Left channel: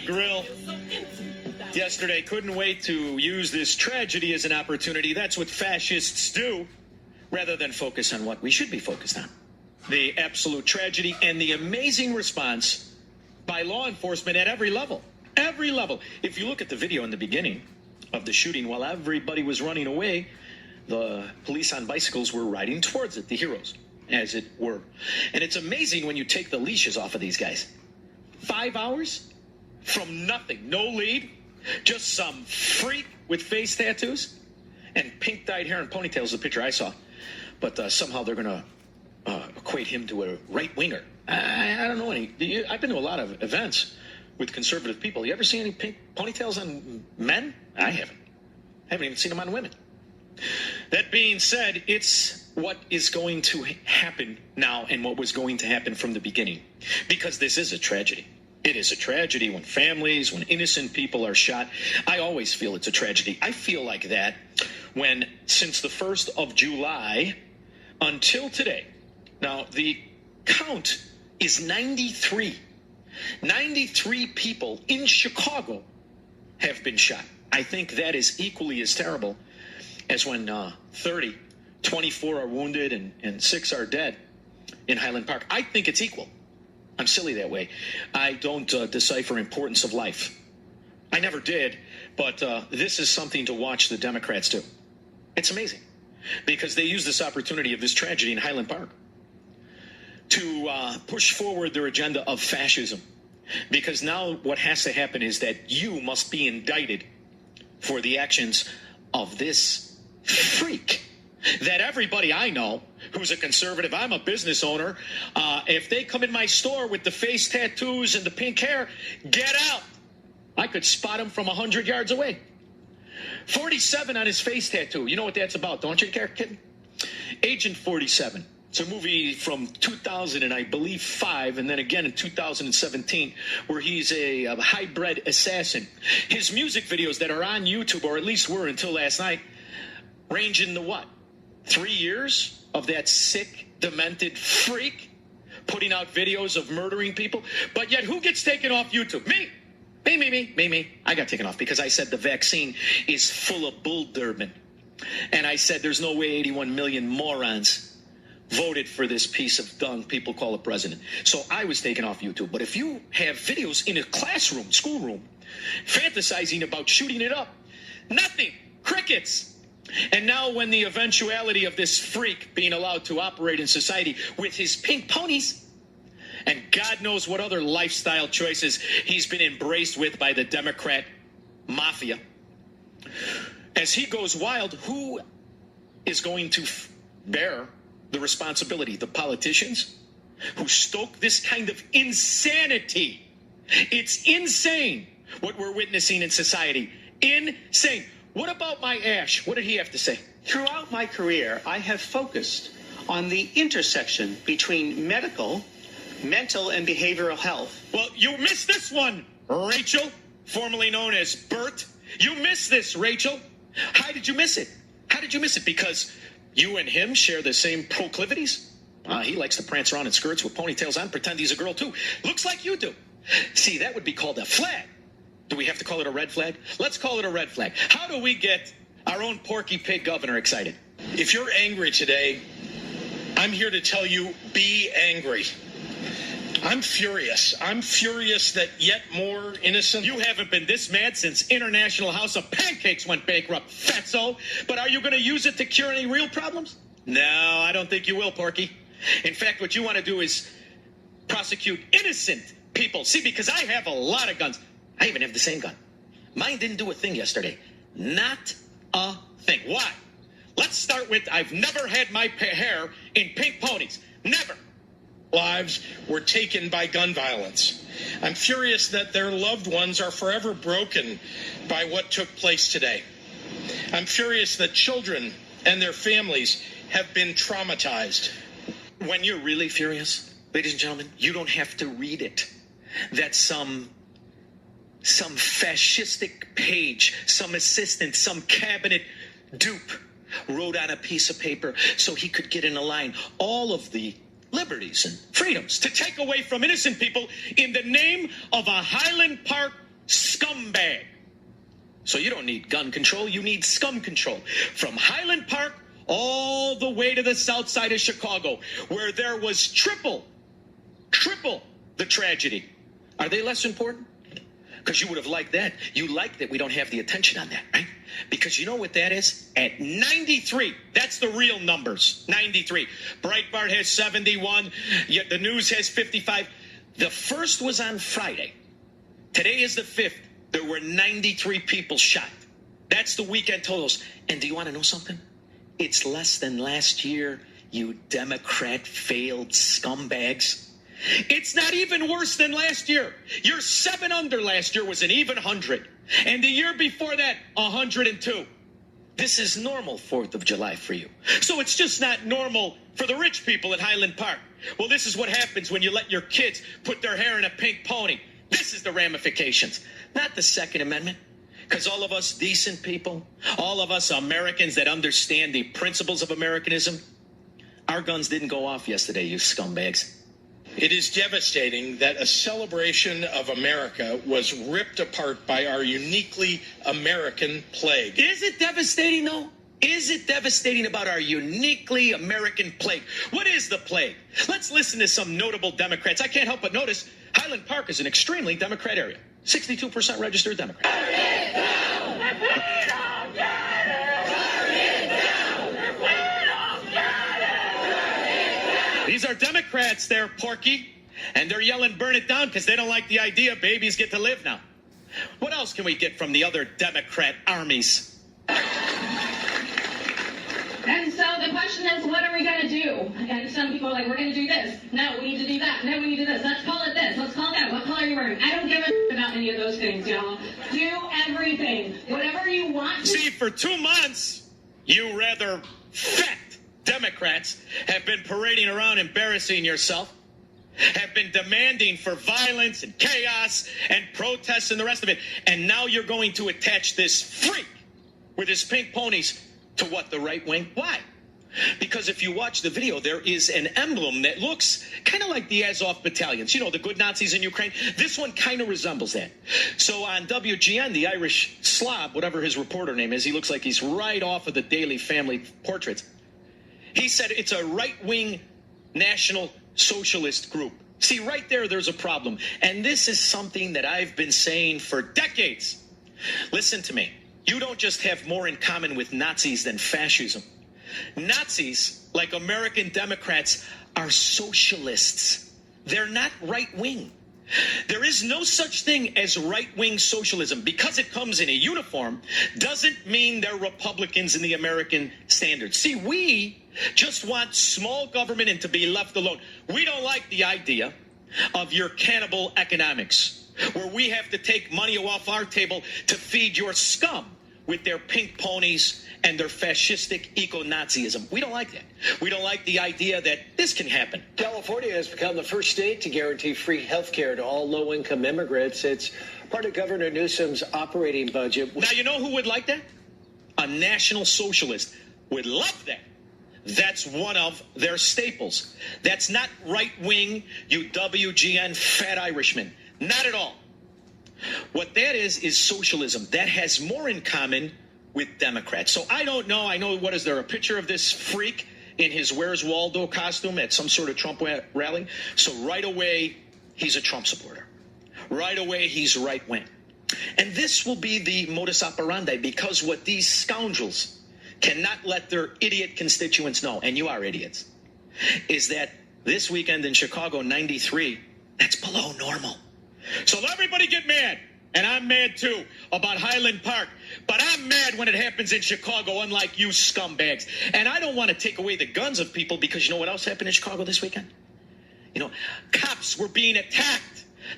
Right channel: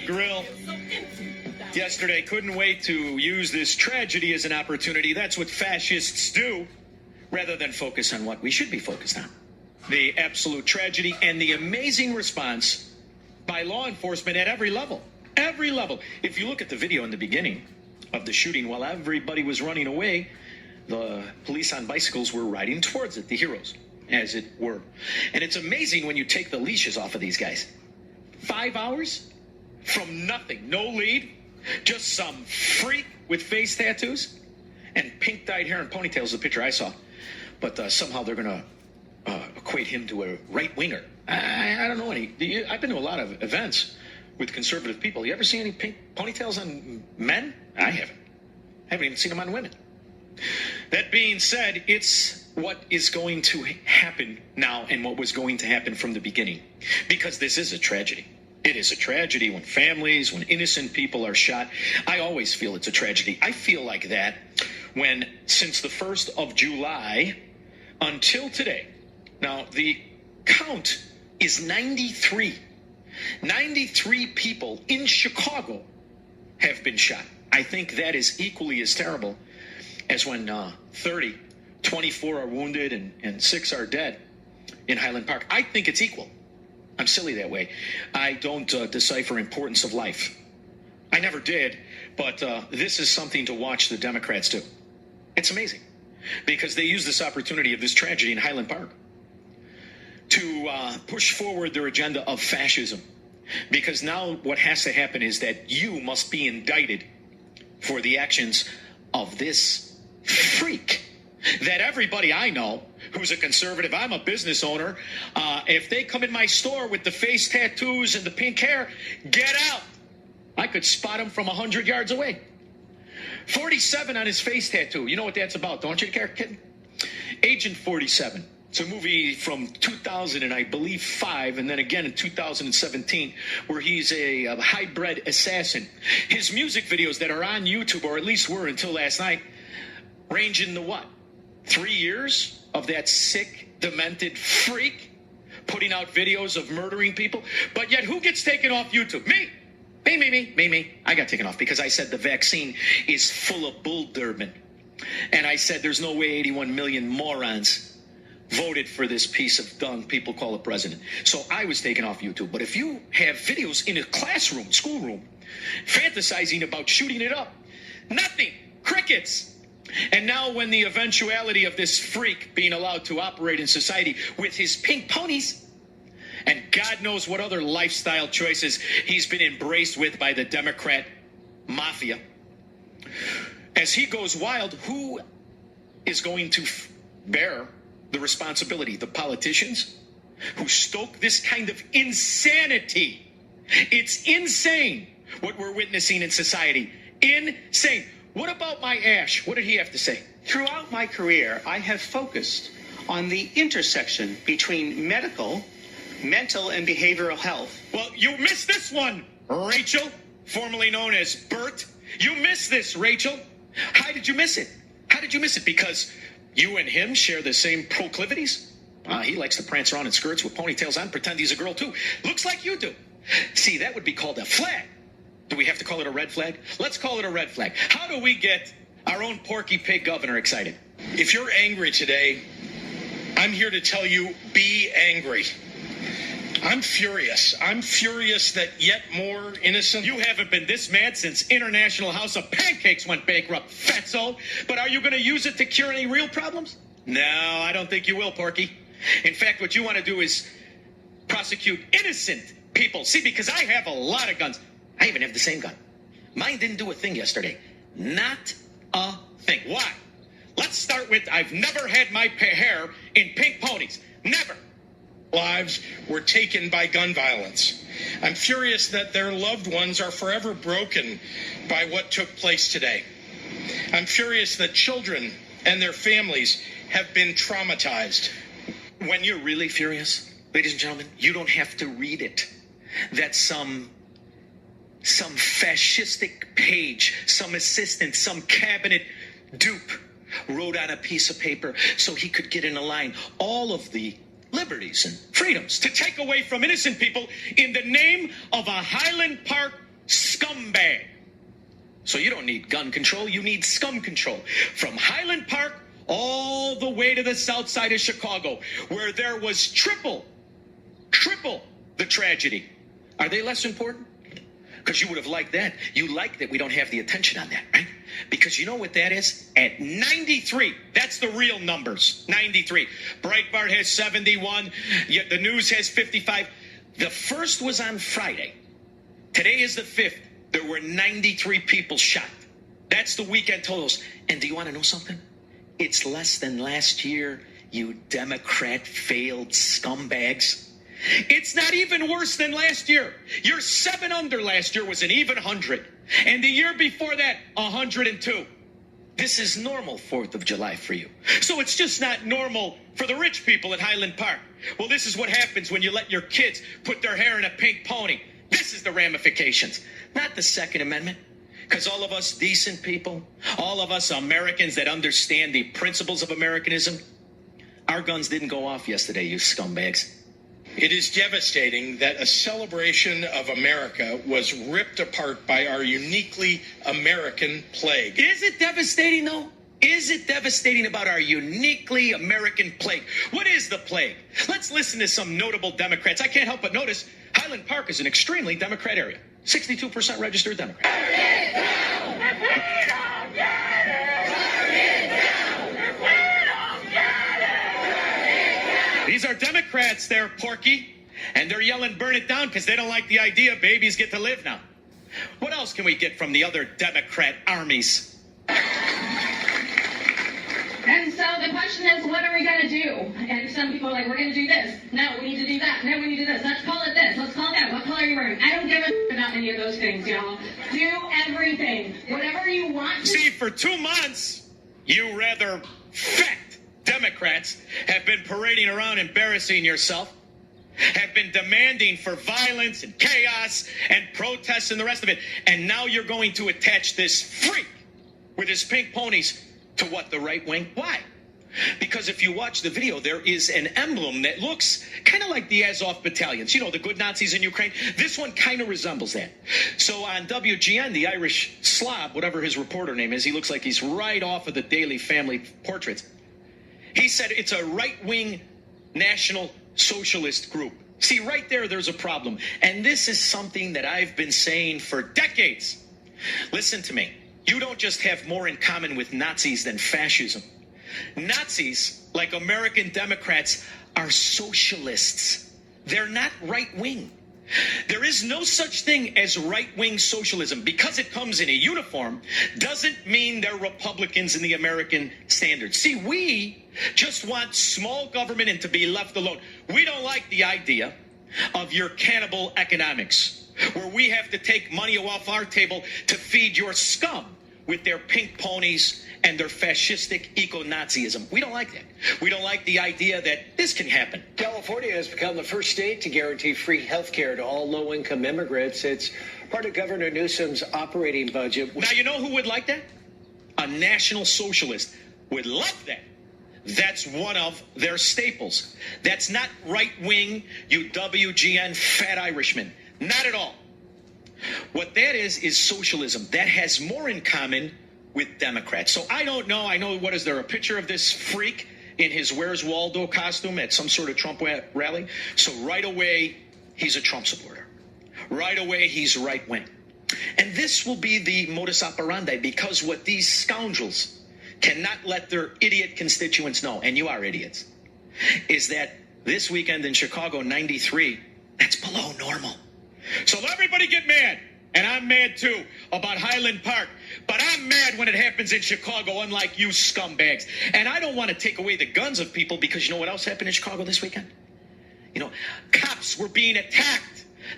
the grill yesterday. Couldn't wait to use this tragedy as an opportunity. That's what fascists do, rather than focus on what we should be focused on. The absolute tragedy and the amazing response by law enforcement at every level. Every level. If you look at the video in the beginning of the shooting, while everybody was running away, the police on bicycles were riding towards it, the heroes, as it were. And it's amazing when you take the leashes off of these guys. 5 hours from nothing, no lead, just some freak with face tattoos and pink dyed hair and ponytails, the picture I saw. But somehow they're going to equate him to a right-winger. I don't know any. I've been to a lot of events with conservative people. You ever see any pink ponytails on men? I haven't. I haven't even seen them on women. That being said, it's what is going to happen now and what was going to happen from the beginning. Because this is a tragedy. It is a tragedy when families, when innocent people are shot. I always feel it's a tragedy. I feel like that when, since the 1st of July until today, now the count is 93. 93 people in Chicago have been shot. I think that is equally as terrible as when 30, 24 are wounded and 6 are dead in Highland Park. I think it's equal. I'm silly that way. I don't decipher importance of life. I never did, but this is something to watch the Democrats do. It's amazing because they use this opportunity of this tragedy in Highland Park to push forward their agenda of fascism. Because now what has to happen is that you must be indicted for the actions of this freak that everybody I know who's a conservative, I'm a business owner, if they come in my store with the face tattoos and the pink hair, get out. I could spot him from 100 yards away. 47 on his face tattoo. You know what that's about, don't you, kid? Agent 47. It's a movie from 2000 and I believe 5, and then again in 2017, where he's a hybrid assassin. His music videos that are on YouTube, or at least were until last night, range into what? 3 years of that sick, demented freak putting out videos of murdering people. But yet who gets taken off YouTube? Me. Me. I got taken off because I said the vaccine is full of bull Durbin. And I said there's no way 81 million morons voted for this piece of dung people call a president. So I was taken off YouTube. But if you have videos in a classroom, schoolroom, fantasizing about shooting it up, nothing, crickets. And now when the eventuality of this freak being allowed to operate in society with his pink ponies and God knows what other lifestyle choices he's been embraced with by the Democrat mafia, as he goes wild, who is going to bear the responsibility? The politicians who stoke this kind of insanity. It's insane what we're witnessing in society. Insane. What about my Ash? What did he have to say? Throughout my career, I have focused on the intersection between medical, mental, and behavioral health. Well, you missed this one, Rachel, formerly known as Bert. You missed this, Rachel. How did you miss it? How did you miss it? Because you and him share the same proclivities? He likes to prance around in skirts with ponytails on, pretend he's a girl too. Looks like you do. See, that would be called a flag. Do we have to call it a red flag? Let's call it a red flag. How do we get our own Porky Pig governor excited? If you're angry today, I'm here to tell you, be angry. I'm furious. I'm furious that yet more innocent... You haven't been this mad since International House of Pancakes went bankrupt, fatso. But are you going to use it to cure any real problems? No, I don't think you will, Porky. In fact, what you want to do is prosecute innocent people. See, because I have a lot of guns. I even have the same gun. Mine didn't do a thing yesterday. Not a thing. Why? Let's start with I've never had my hair in pink ponies. Never. Lives were taken by gun violence. I'm furious that their loved ones are forever broken by what took place today. I'm furious that children and their families have been traumatized. When you're really furious, ladies and gentlemen, you don't have to read it. That's some fascistic page, some assistant, some cabinet dupe wrote on a piece of paper so he could get in a line all of the liberties and freedoms to take away from innocent people in the name of a Highland Park scumbag. So you don't need gun control, you need scum control. From Highland Park all the way to the south side of Chicago, where there was triple the tragedy. Are they less important? Because you would have liked that. You like that we don't have the attention on that, right? Because you know what that is? At 93, that's the real numbers, 93. Breitbart has 71, yet the news has 55. The first was on Friday. Today is the 5th. There were 93 people shot. That's the weekend totals. And do you want to know something? It's less than last year, you Democrat failed scumbags. It's not even worse than last year. Your 7 under last year was an even 100. And the year before that, 102. This is normal 4th of July for you. So it's just not normal for the rich people at Highland Park. Well, this is what happens when you let your kids put their hair in a pink pony. This is the ramifications, not the Second Amendment. Because all of us decent people, all of us Americans that understand the principles of Americanism, our guns didn't go off yesterday, you scumbags. It is devastating that a celebration of America was ripped apart by our uniquely American plague. Is it devastating, though? Is it devastating about our uniquely American plague? What is the plague? Let's listen to some notable Democrats. I can't help but notice Highland Park is an extremely Democrat area. 62% registered Democrat. These are Democrats there, Porky, and they're yelling burn it down because they don't like the idea babies get to live now. What else can we get from the other Democrat armies? And so the question is, what are we going to do? And some people are like, we're going to do this. No, we need to do that. No, we need to do this. Let's call it this. Let's call it that. What color are you wearing? I don't give a about any of those things, y'all. Do everything. Whatever you want to. See, for 2 months, you rather fat Democrats have been parading around embarrassing yourself, have been demanding for violence and chaos and protests and the rest of it. And now you're going to attach this freak with his pink ponies to what, the right wing? Why? Because if you watch the video, there is an emblem that looks kind of like the Azov battalions. You know, the good Nazis in Ukraine. This one kind of resembles that. So on WGN, the Irish slob, whatever his reporter name is, he looks like he's right off of the Daily Family Portraits. He said it's a right-wing National Socialist group. See, right there's a problem. And this is something that I've been saying for decades. Listen to me. You don't just have more in common with Nazis than fascism. Nazis, like American Democrats, are socialists. They're not right-wing. There is no such thing as right-wing socialism. Because it comes in a uniform doesn't mean they're Republicans in the American standard. See, we just want small government and to be left alone. We don't like the idea of your cannibal economics, where we have to take money off our table to feed your scum with their pink ponies and their fascistic eco-Nazism. We don't like that. We don't like the idea that this can happen. California has become the first state to guarantee free health care to all low-income immigrants. It's part of Governor Newsom's operating budget. Now, you know who would like that? A National Socialist would love that. That's one of their staples. That's not right-wing, you WGN fat Irishman. Not at all. What that is socialism. That has more in common with Democrats. So I don't know. I know, what is there, a picture of this freak in his Where's Waldo costume at some sort of Trump rally? So right away, he's a Trump supporter. Right away, he's right-wing. And this will be the modus operandi, because what these scoundrels cannot let their idiot constituents know, and you are idiots, is that this weekend in Chicago, 93, that's below normal. So everybody get mad, and I'm mad too, about Highland Park. But I'm mad when it happens in Chicago, unlike you scumbags. And I don't want to take away the guns of people, because you know what else happened in Chicago this weekend? You know, cops were being attacked.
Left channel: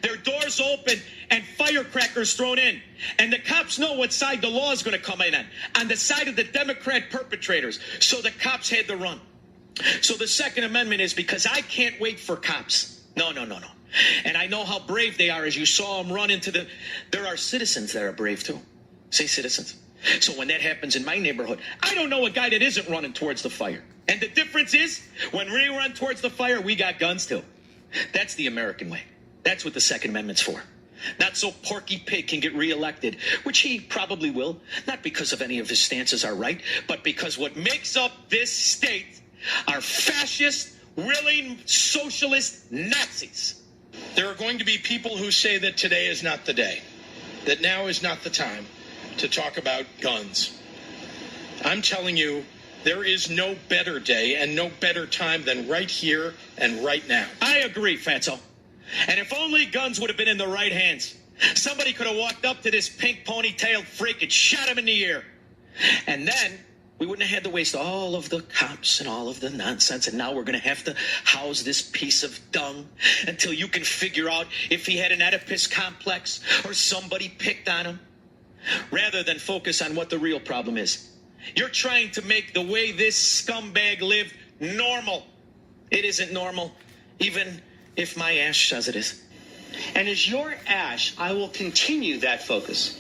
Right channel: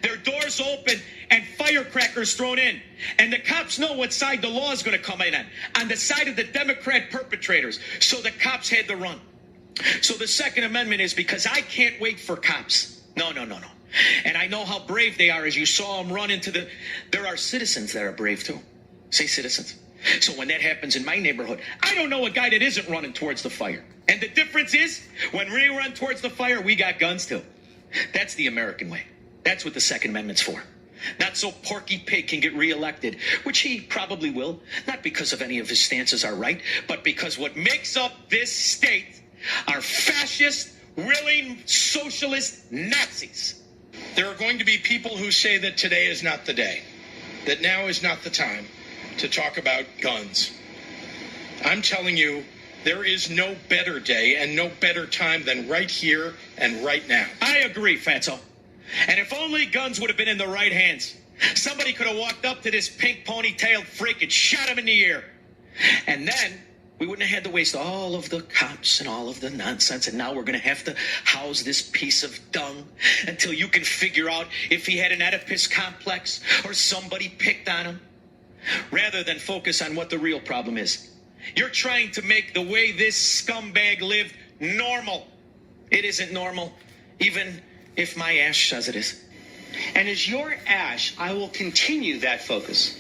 Their doors open and firecrackers thrown in. And the cops know what side the law is going to come in on the side of the Democrat perpetrators. So the cops had to run. So the Second Amendment is because I can't wait for cops. No. And I know how brave they are, as you saw them run into the... There are citizens that are brave too. Say citizens. So when that happens in my neighborhood, I don't know a guy that isn't running towards the fire. And the difference is, when we run towards the fire, we got guns too. That's the American way. That's what the Second Amendment's for. Not so Porky Pig can get reelected, which he probably will, not because of any of his stances are right, but because what makes up this state are fascist, willing socialist Nazis. There are going to be people who say that today is not the day, that now is not the time to talk about guns. I'm telling you, there is no better day and no better time than right here and right now. I agree, Fatso. And if only guns would have been in the right hands, somebody could have walked up to this pink ponytailed freak and shot him in the ear. And then we wouldn't have had to waste all of the cops and all of the nonsense. And now we're going to have to house this piece of dung until you can figure out if he had an Oedipus complex or somebody picked on him, rather than focus on what the real problem is. You're trying to make the way this scumbag lived normal. It isn't normal, even if my ash says it is. And as your ash, I will continue that focus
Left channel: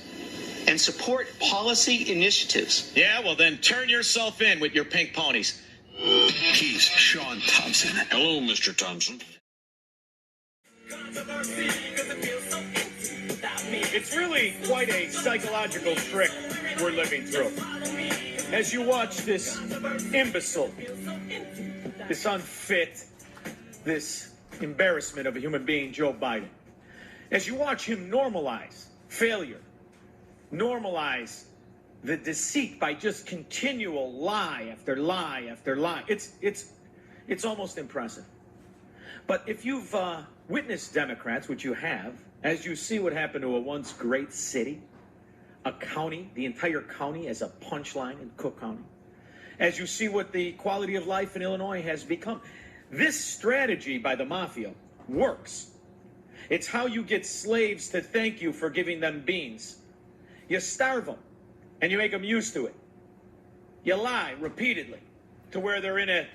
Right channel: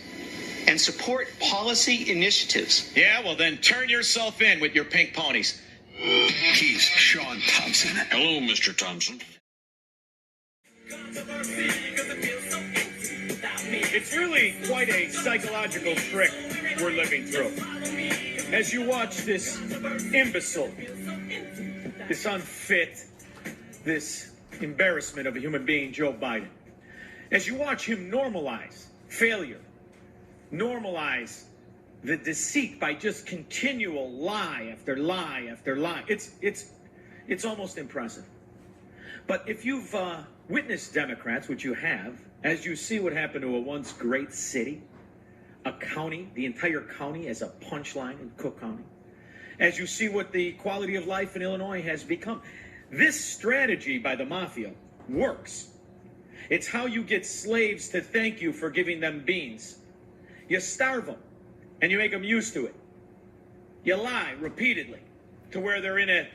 and support policy initiatives. Yeah, well then turn yourself in with your pink ponies. He's Shaun Thompson. Hello, Mr. Thompson. It's really quite a psychological trick we're living through. As you watch this imbecile, this unfit, this embarrassment of a human being, Joe Biden, as you watch him normalize failure, normalize the deceit by just continual lie after lie after lie, it's almost impressive. But if you've witnessed Democrats, which you have, as you see what happened to a once great city, a county, the entire county as a punchline in Cook County, as you see what the quality of life in Illinois has become, this strategy by the mafia works. It's how you get slaves to thank you for giving them beans. You starve them, and you make them used to it. You lie repeatedly to where they're in a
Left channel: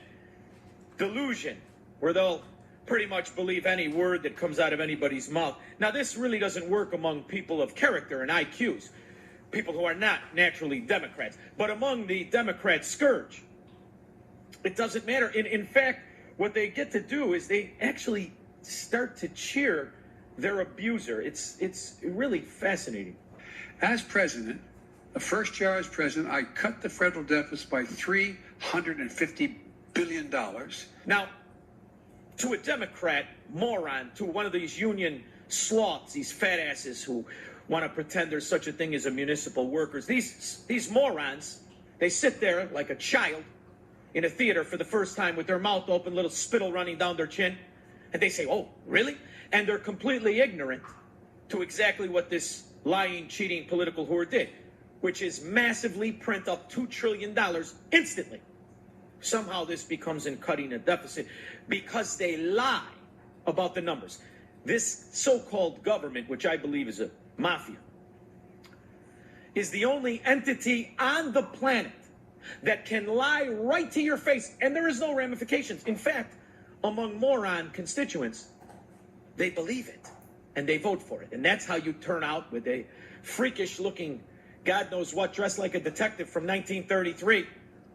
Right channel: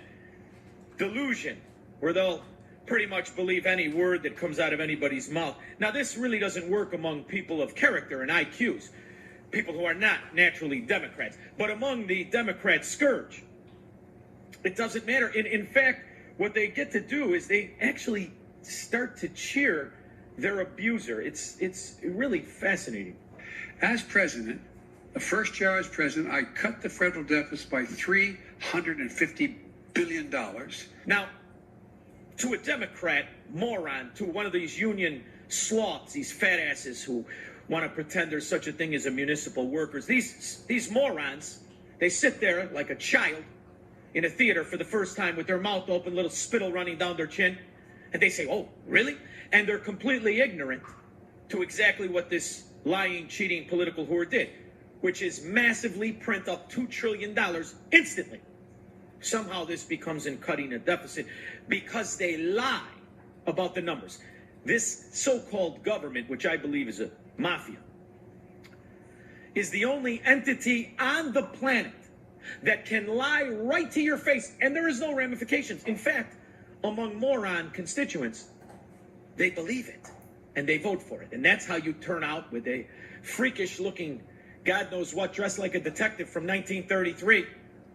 delusion, where they'll pretty much believe any word that comes out of anybody's mouth. Now, this really doesn't work among people of character and IQs, people who are not naturally Democrats, but among the Democrat scourge. It doesn't matter. In fact, what they get to do is they actually start to cheer their abuser. It's really fascinating. As president, the first year I was president, I cut the federal deficit by $350 billion. Now, to a Democrat moron, to one of these union sloths, these fat asses who want to pretend there's such a thing as a municipal workers, these morons, they sit there like a child in a theater for the first time with their mouth open, little spittle running down their chin, and they say, oh, really? And they're completely ignorant to exactly what this lying, cheating political whore did, which is massively print up $2 trillion instantly. Somehow this becomes in cutting a deficit because they lie about the numbers. This so-called government, which I believe is a mafia, is the only entity on the planet that can lie right to your face, and there is no ramifications. In fact, among moron constituents, they believe it, and they vote for it. And that's how you turn out with a freakish-looking, God knows what, dressed like a detective from 1933,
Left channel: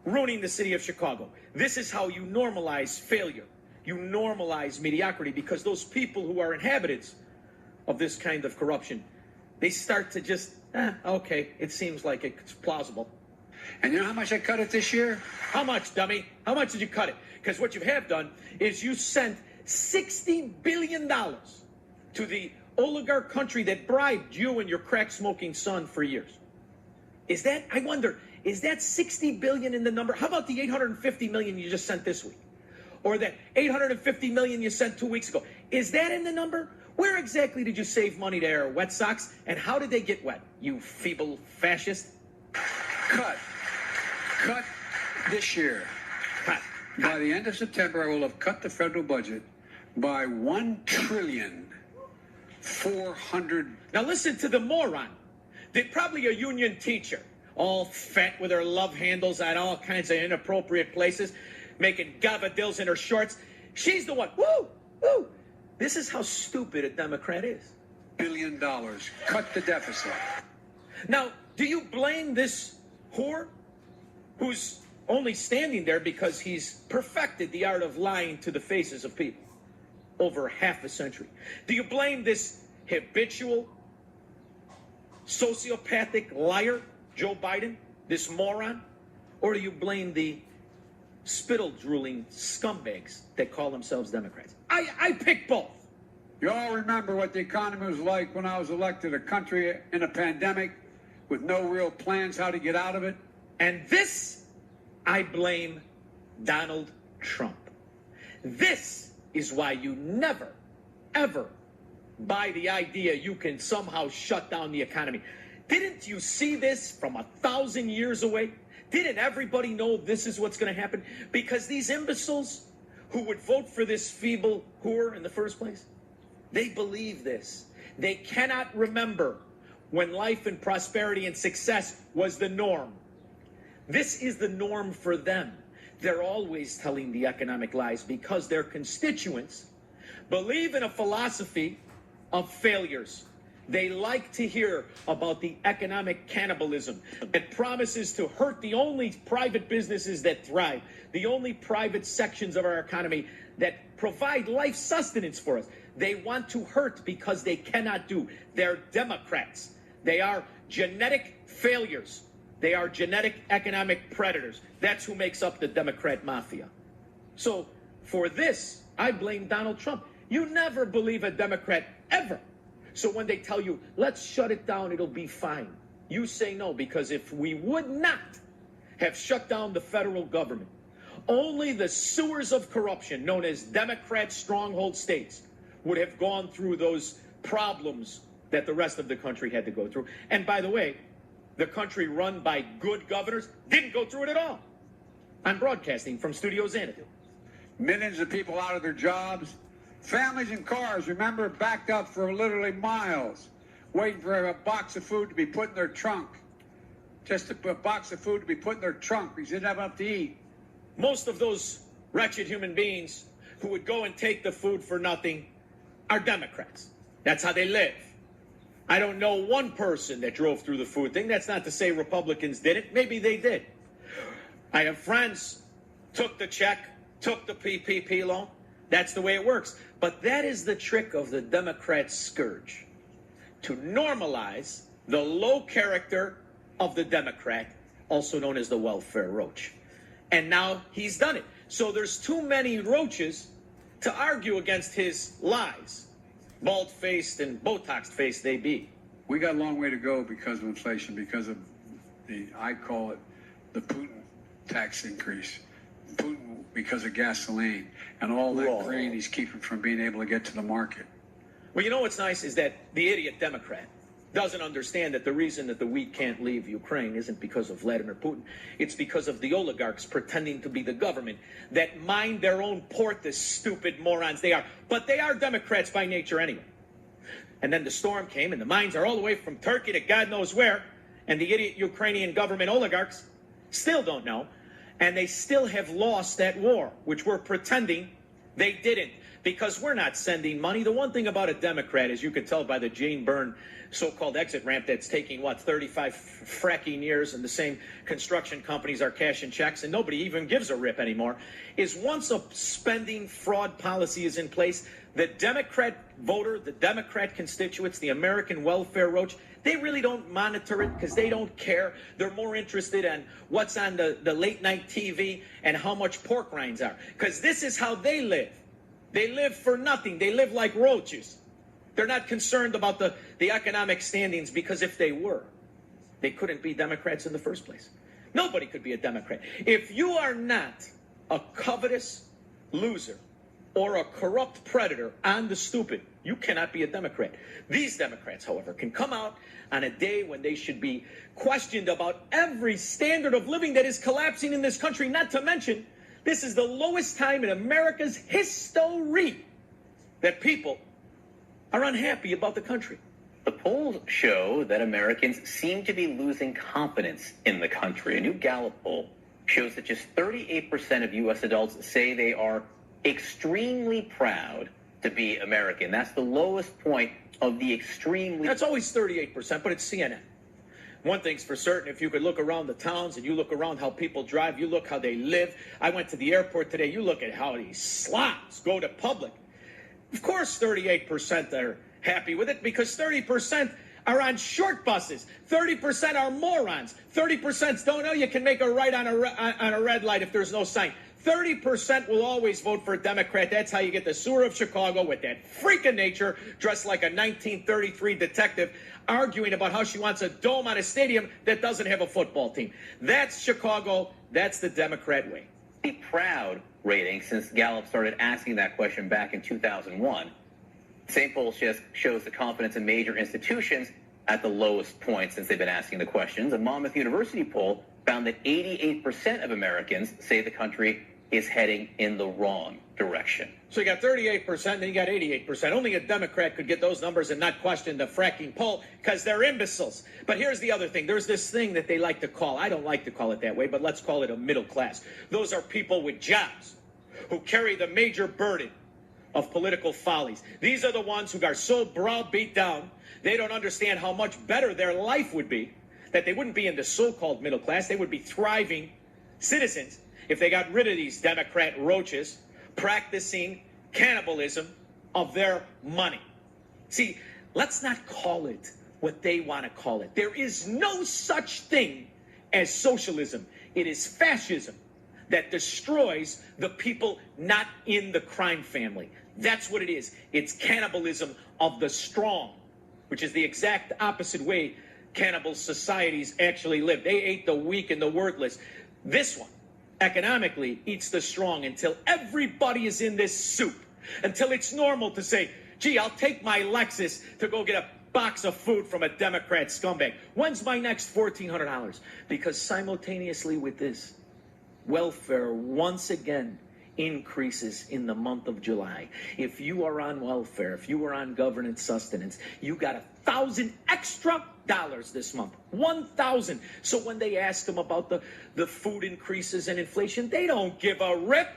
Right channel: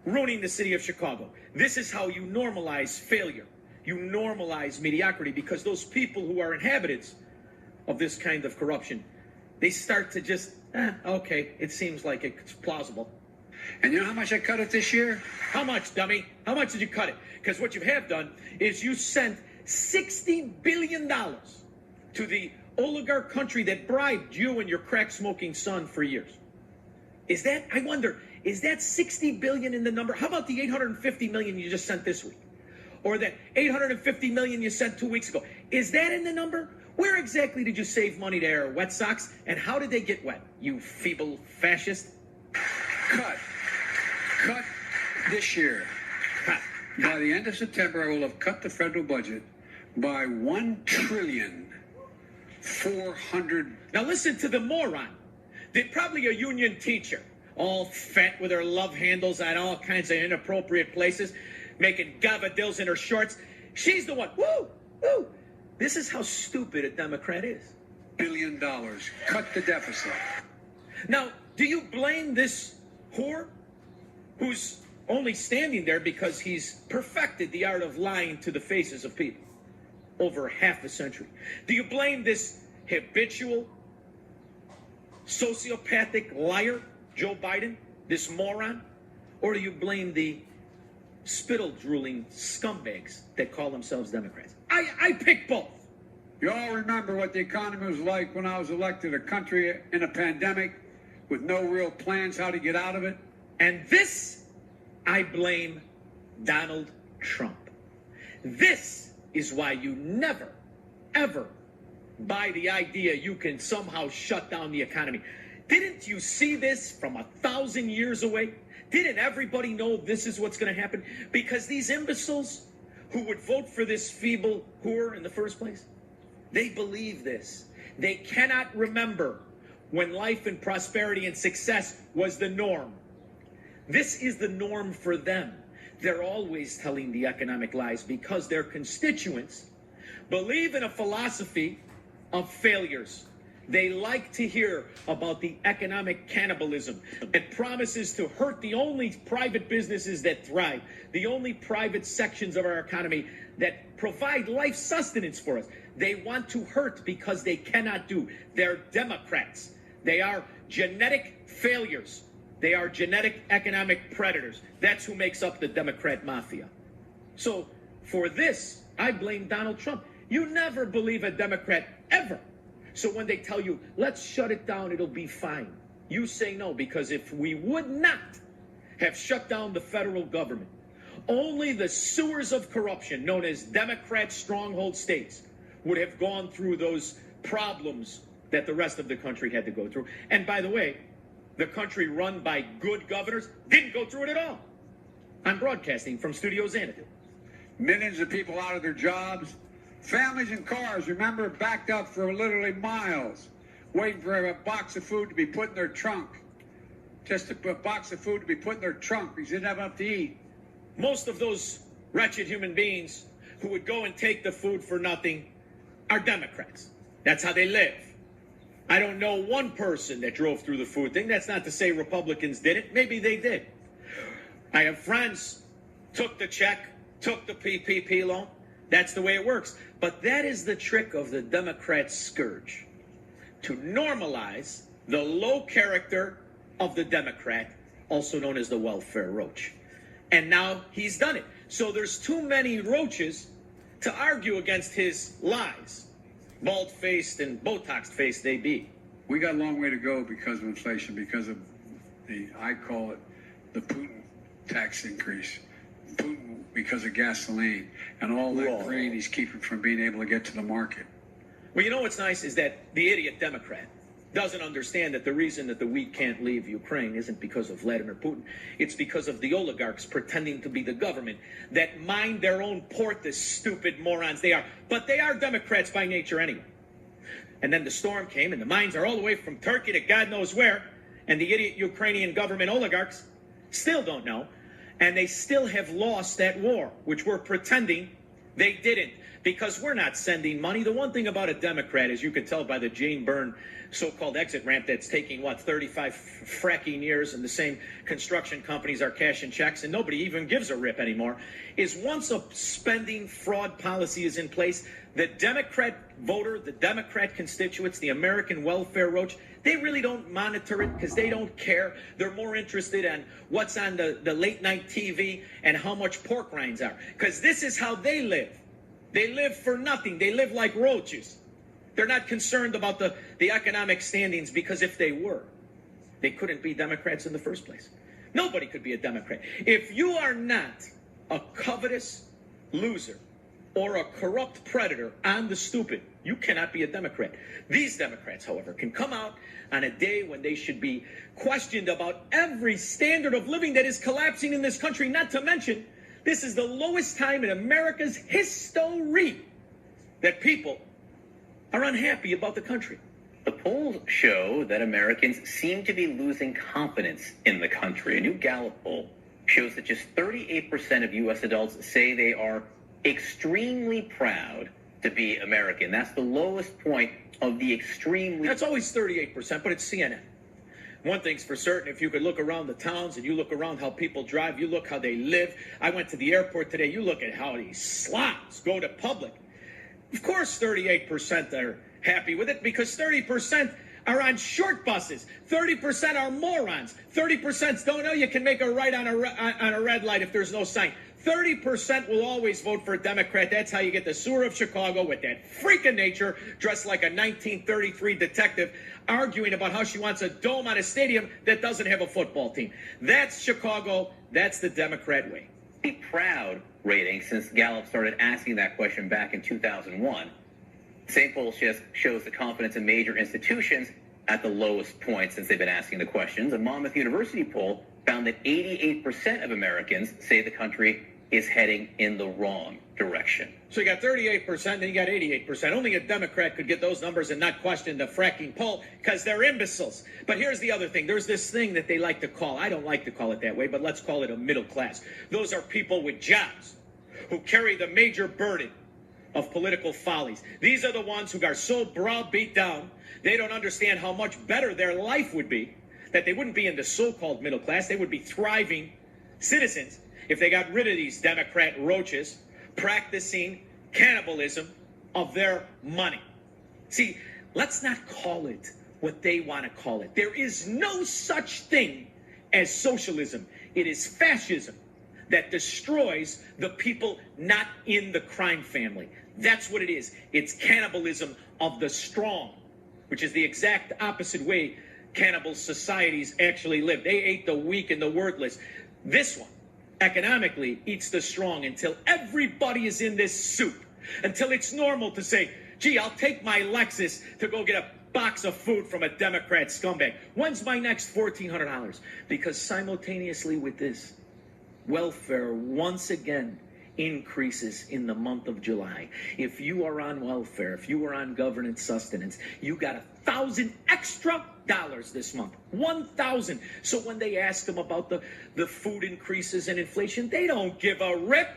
ruining the city of Chicago. This is how you normalize failure. You normalize mediocrity, because those people who are inhabitants of this kind of corruption, they start to just, okay, it seems like it's plausible. And you know how much I cut it this year? How much, dummy? How much did you cut it? Because what you have done is you sent $60 billion to the oligarch country that bribed you and your crack-smoking son for years. Is that, I wonder, is that $60 billion in the number? How about the $850 million you just sent this week? Or the $850 million you sent 2 weeks ago? Is that in the number? Where exactly did you save money there, wet socks? And how did they get wet, you feeble fascist? Cut this year. Cut. By the end of September, I will have cut the federal budget by $1,400,000,000,000. Now listen to the moron. They're probably a union teacher, all fat with her love handles at all kinds of inappropriate places, making gavadils in her shorts. She's the one. Woo! Woo! This is how stupid a Democrat is. $1 billion. Cut the deficit. Now, do you blame this whore who's only standing there because he's perfected the art of lying to the faces of people over half a century? Do you blame this habitual, sociopathic liar, Joe Biden, this moron? Or do you blame the spittle-drooling scumbags that call themselves Democrats? I pick both. You all remember what the economy was like when I was elected, a country in a pandemic with no real plans how to get out of it? And this, I blame Donald Trump. This is why you never, ever buy the idea you can somehow shut down the economy. Didn't you see this from 1,000 years away? Didn't everybody know this is what's going to happen? Because these imbeciles who would vote for this feeble whore in the first place, they believe this. They cannot remember when life and prosperity and success was the norm. This is the norm for them. They're always telling the economic lies because their constituents believe in a philosophy of failures. They like to hear about the economic cannibalism. It promises to hurt the only private businesses that thrive, the only private sections of our economy that provide life sustenance for us. They want to hurt because they cannot do. They're Democrats. They are genetic failures. They are genetic economic predators. That's who makes up the Democrat mafia. So for this, I blame Donald Trump. You never believe a Democrat, ever. So when they tell you, let's shut it down, it'll be fine, you say no, because if we would not have shut down the federal government, only the sewers of corruption known as Democrat stronghold states would have gone through those problems that the rest of the country had to go through. And by the way, the country run by good governors didn't go through it at all. I'm broadcasting from Studio Xanadu. Millions of people out of their jobs. Families and cars, remember, backed up for literally miles, waiting for a box of food to be put in their trunk. Just a box of food to be put in their trunk because they didn't have enough to eat. Most of those wretched human beings who would go and take the food for nothing are Democrats. That's how they live. I don't know one person that drove through the food thing. That's not to say Republicans did it. Maybe they did. I have friends, took the check, took the PPP loan. That's the way it works. But that is the trick of the Democrat scourge, to normalize the low character of the Democrat, also known as the welfare roach. And now he's done it. So there's too many roaches to argue against his lies. Bald-faced and Botox-faced they be. We got a long way to go because of inflation, because of I call it the Putin tax increase. Putin because of gasoline and all that grain he's keeping from being able to get to the market. Well, you know what's nice is that the idiot Democrat doesn't understand that the reason that the wheat can't leave Ukraine isn't because of Vladimir Putin. It's because of the oligarchs pretending to be the government that mind their own port, the stupid morons they are. But they are Democrats by nature anyway. And then the storm came, and the mines are all the way from Turkey to God knows where, and the idiot Ukrainian government oligarchs still don't know, and they still have lost that war, which we're pretending they didn't, because we're not sending money. The one thing about a Democrat, as you can tell by the Jane Byrne so-called exit ramp that's taking, 35 fracking years, and the same construction companies are cashing checks, and nobody even gives a rip anymore, is once a spending fraud policy is in place, the Democrat voter, the Democrat constituents, the American welfare roach, they really don't monitor it because they don't care. They're more interested in what's on the late night TV and how much pork rinds are, because this is how they live. They live for nothing. They live like roaches. They're not concerned about the economic standings, because if they were, they couldn't be Democrats in the first place. Nobody could be a Democrat. If you are not a covetous loser or a corrupt predator on the stupid, you cannot be a Democrat. These Democrats, however, can come out on a day when they should be questioned about every standard of living that is collapsing in this country, not to mention this is the lowest time in America's history that people are unhappy about the country. The polls show that Americans seem to be losing confidence in the country. A new Gallup poll shows that just 38% of U.S. adults say they are extremely proud to be American. That's the lowest point of the extremely... That's always 38%, but it's CNN. One thing's for certain, if you could look around the towns and you look around how people drive, you look how they live. I went to the airport today, you look at how these slobs go to public. Of course 38% are happy with it because 30% are on short buses. 30% are morons. 30% don't know you can make a right on a red light if there's no sign. 30% will always vote for a Democrat. That's how you get the sewer of Chicago with that freak of nature dressed like a 1933 detective arguing about how she wants a dome on a stadium that doesn't have a football team. That's Chicago. That's the Democrat way. The proud rating since Gallup started asking that question back in 2001. Same poll just shows the confidence in major institutions at the lowest point since they've been asking the questions. A Monmouth University poll found that 88% of Americans say the country is heading in the wrong direction. So you got 38%, then you got 88%. Only a Democrat could get those numbers and not question the fracking poll because they're imbeciles. But here's the other thing. There's this thing that they like to call, I don't like to call it that way, but let's call it a middle class. Those are people with jobs who carry the major burden of political follies. These are the ones who are so browbeat down, they don't understand how much better their life would be, that they wouldn't be in the so-called middle class. They would be thriving citizens if they got rid of these Democrat roaches practicing cannibalism of their money. See, let's not call it what they want to call it. There is no such thing as socialism. It is fascism that destroys the people not in the crime family. That's what it is. It's cannibalism of the strong, which is the exact opposite way cannibal societies actually live. They ate the weak and the worthless. This one, economically, eats the strong until everybody is in this soup, until it's normal to say, gee, I'll take my Lexus to go get a box of food from a Democrat scumbag. When's my next $1,400? Because simultaneously with this, welfare once again increases in the month of July. If you are on welfare, if you are on government sustenance, you got $1,000 extra this month. 1,000. So when they ask them about the food increases and inflation, they don't give a rip.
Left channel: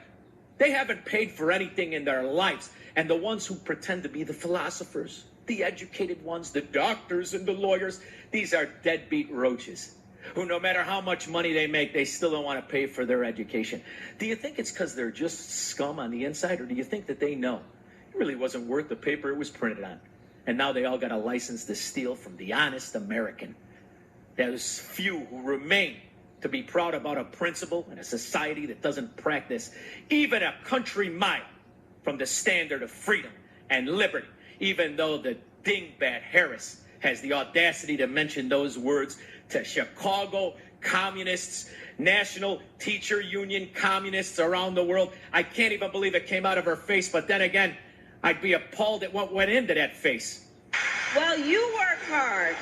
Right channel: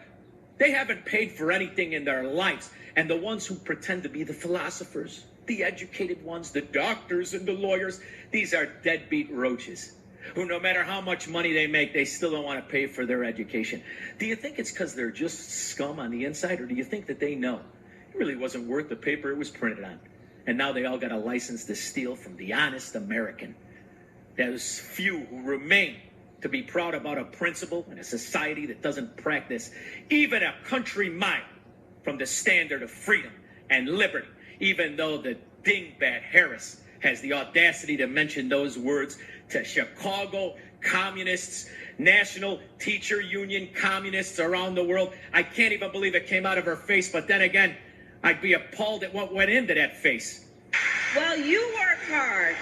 They haven't paid for anything in their lives. And the ones who pretend to be the philosophers, the educated ones, the doctors and the lawyers, these are deadbeat roaches who no matter how much money they make, they still don't want to pay for their education. Do you think it's because they're just scum on the inside, or do you think that they know it really wasn't worth the paper it was printed on? And now they all got a license to steal from the honest American. There's few who remain to be proud about a principle in a society that doesn't practice even a country mile from the standard of freedom and liberty, even though the dingbat Harris has the audacity to mention those words to Chicago communists, National Teacher Union communists around the world. I can't even believe it came out of her face, but then again, I'd be appalled at what went into that face. Well, you work hard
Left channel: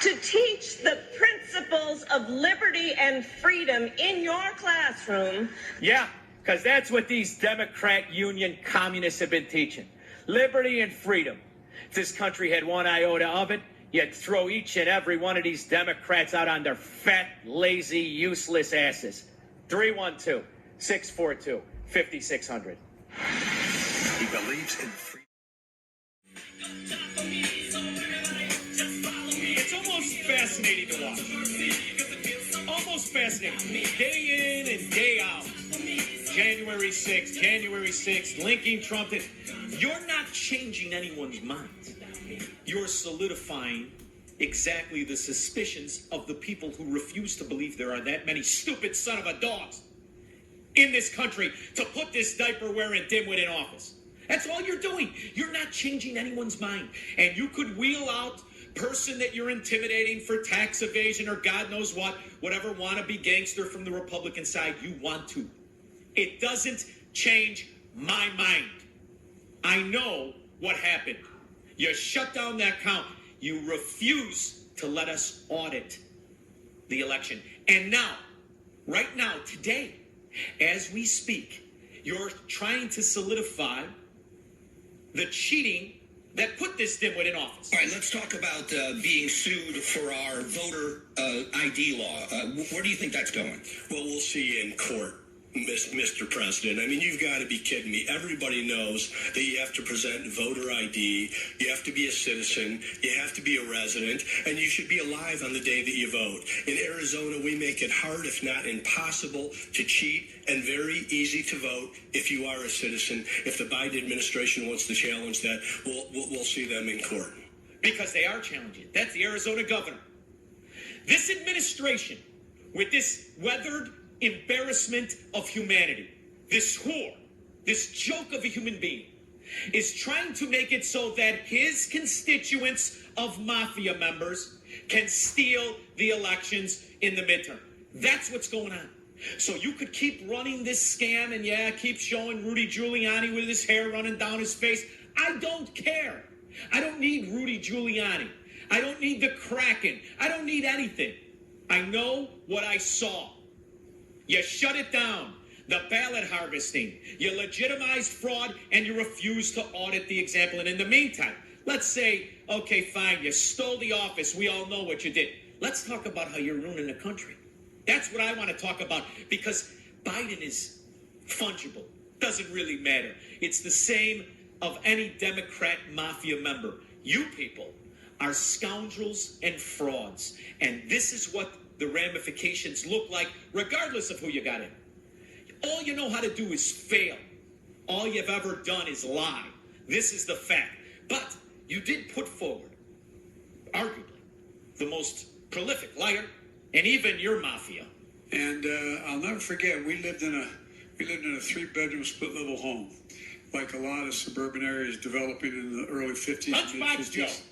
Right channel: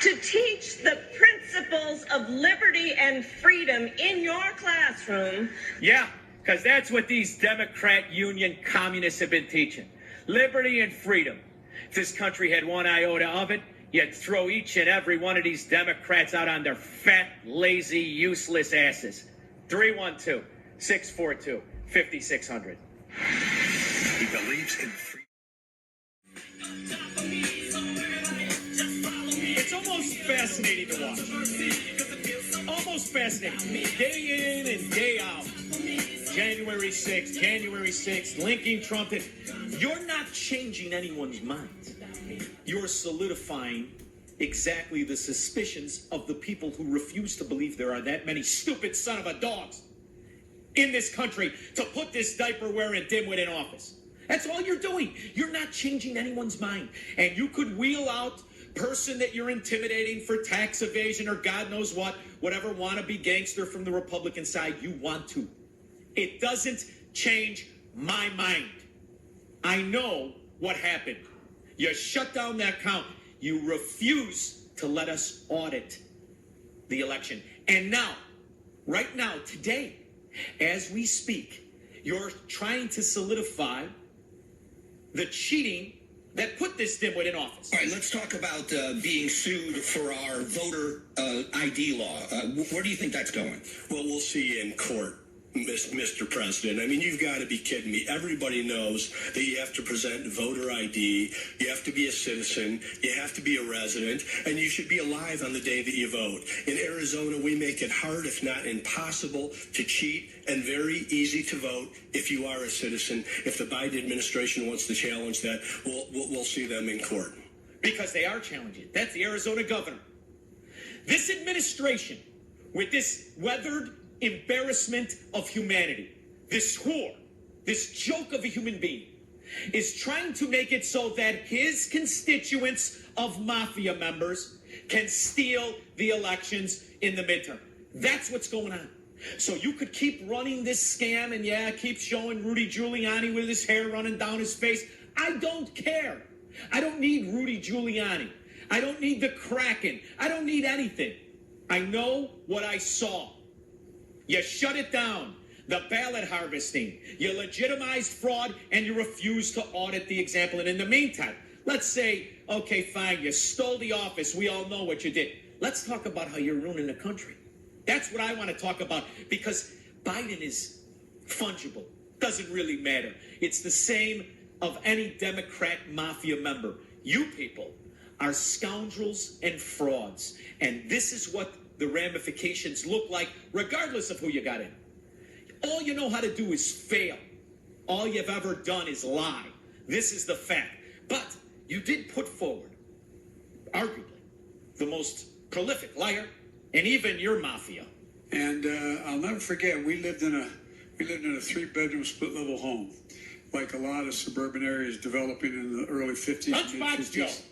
to teach the principles of liberty and freedom in your classroom. Yeah, because that's what these Democrat Union communists have been teaching. Liberty and freedom. If this country had one iota of it, you'd throw each and every one of these Democrats out on their fat, lazy, useless asses. 312-642-5600. He believes in freedom. It's almost fascinating to watch. Almost fascinating. Day in and day out. January 6th, linking Trump. You're not changing anyone's mind. You're solidifying exactly the suspicions of the people who refuse to believe there are that many stupid son of a dogs in this country to put this diaper-wearing dimwit in office. That's all you're doing. You're not changing anyone's mind. And you could wheel out person that you're intimidating for tax evasion or God knows what, whatever wannabe gangster from the Republican side you want to. It doesn't change my mind. I know what happened. You shut down that count. You refuse to let us audit the election. And now, right now, today, as we speak, you're trying to solidify the cheating that put this dimwit in office. All right, let's talk about being sued for our voter ID law. Where do you think that's going? Well, we'll see in court. Mr. President. I mean, you've got to be kidding me. Everybody knows that you have to present voter ID, you have to be a citizen, you have to be a resident, and you should be alive on the day that you vote. In Arizona, we make it hard, if not impossible, to cheat and very easy to vote if you are a citizen. If the Biden administration wants to challenge that, we'll see them in court. Because they are challenging. That's the Arizona governor. This administration, with this weathered embarrassment of humanity, this whore, this joke of a human being, is trying to make it so that his constituents of mafia members can steal the elections in the midterm. That's what's going on. So you could keep running this scam and keep showing Rudy Giuliani with his hair running down his face. I don't care. I don't need Rudy Giuliani. I don't need the Kraken. I don't need anything. I know what I saw. You shut it down, the ballot harvesting. You legitimized fraud, and you refused to audit the example. And in the meantime, let's say, okay, fine, you stole the office. We all know what you did. Let's talk about how you're ruining the country. That's what I want to talk about, because Biden is fungible. Doesn't really matter. It's the same of any Democrat mafia member. You people are scoundrels and frauds. And this is what the ramifications look like, regardless of who you got in. All you know how to do is fail. All you've ever done is lie. This is the fact. But you did put forward, arguably, the most prolific liar, and even your mafia. And I'll never forget, we lived in a 3-bedroom split-level home, like a lot of suburban areas developing in the early 50s, mid-50s.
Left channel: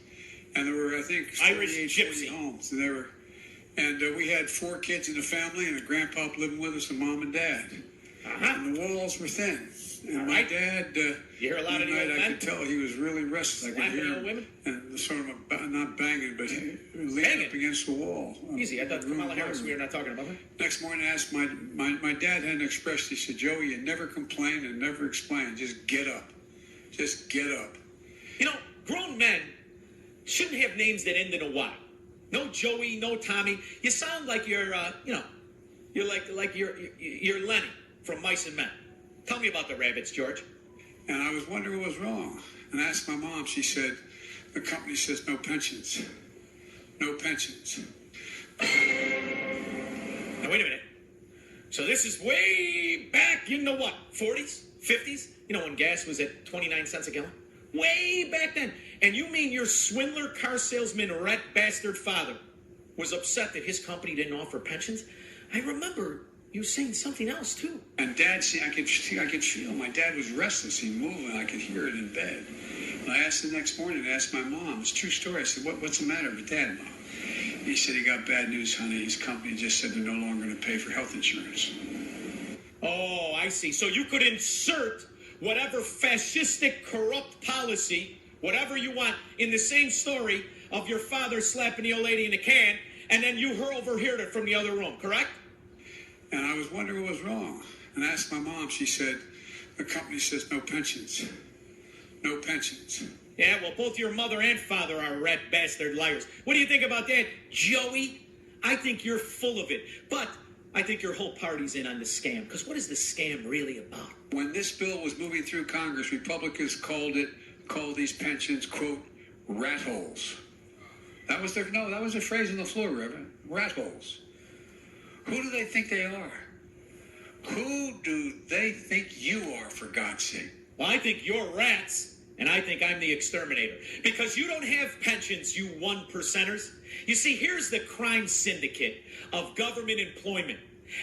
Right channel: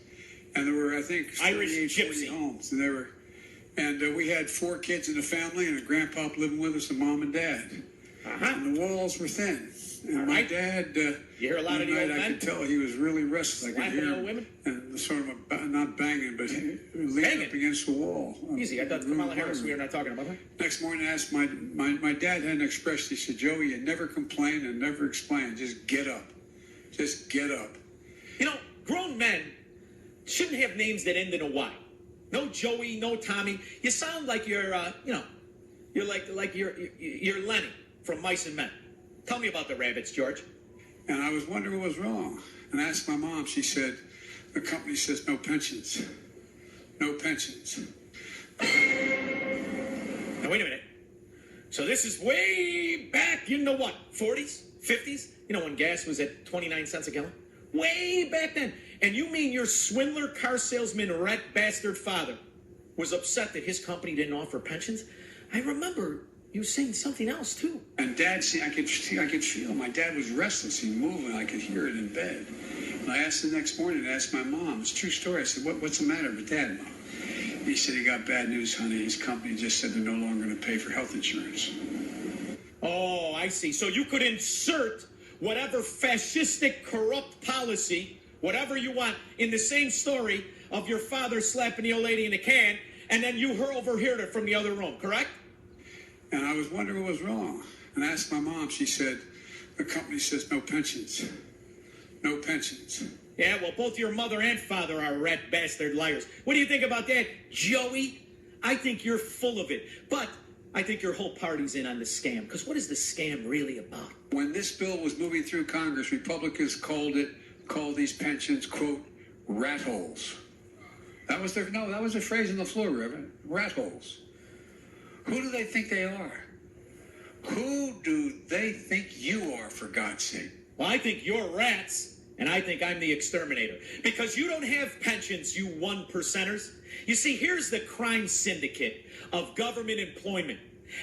And there were, I think, 38, 40 homes. And we had 4 kids in the family, and a grandpa living with us, and mom and dad. And the walls were thin. And my dad, you hear a lot of the old men? I could tell he was really restless. I could hear him, women? and sort of not banging, but leaning up against the wall. Easy. I thought Kamala Harris, we were not talking about her. Next morning, I asked my dad had an expression. He said, "Joey, you never complain and never explain. Just get up. Just get up." You know, grown men shouldn't have names that end in a Y. No Joey, no Tommy. You sound like you're you're Lenny from Mice and Men. Tell me about the rabbits, George. And I was wondering what was wrong. And I asked my mom. She said, the company says no pensions. No pensions. Now, wait a minute. So this is way back in the what? 40s? 50s? You know, when gas was at 29 cents a gallon? Way back then. And you mean your swindler, car salesman, rat bastard father was upset that his company didn't offer pensions? I remember you saying something else, too. And Dad, I could feel my dad was restless. He moved, and I could hear it in bed. And I asked the next morning, I asked my mom. It's a true story. I said, what's the matter with Dad, Mom? He said, he got bad news, honey. His company just said they're no longer going to pay for health insurance. Oh, I see. So you could insert whatever fascistic, corrupt policy, whatever you want, in the same story of your father slapping the old lady in a can, and then you overheard it from the other room, correct? And I was wondering what was wrong. And I asked my mom. She said, the company says no pensions. No pensions. Yeah, well, both your mother and father are rat bastard liars. What do you think about that, Joey? I think you're full of it. But I think your whole party's in on the scam. Because what is the scam really about? When this bill was moving through Congress, Republicans called these pensions, quote, rat holes. That was the phrase on the floor, Reverend. Rat holes. Who do they think they are? Who do they think you are, for God's sake? Well, I think you're rats, and I think I'm the exterminator. Because you don't have pensions, you 1%ers. You see, here's the crime syndicate of government employment.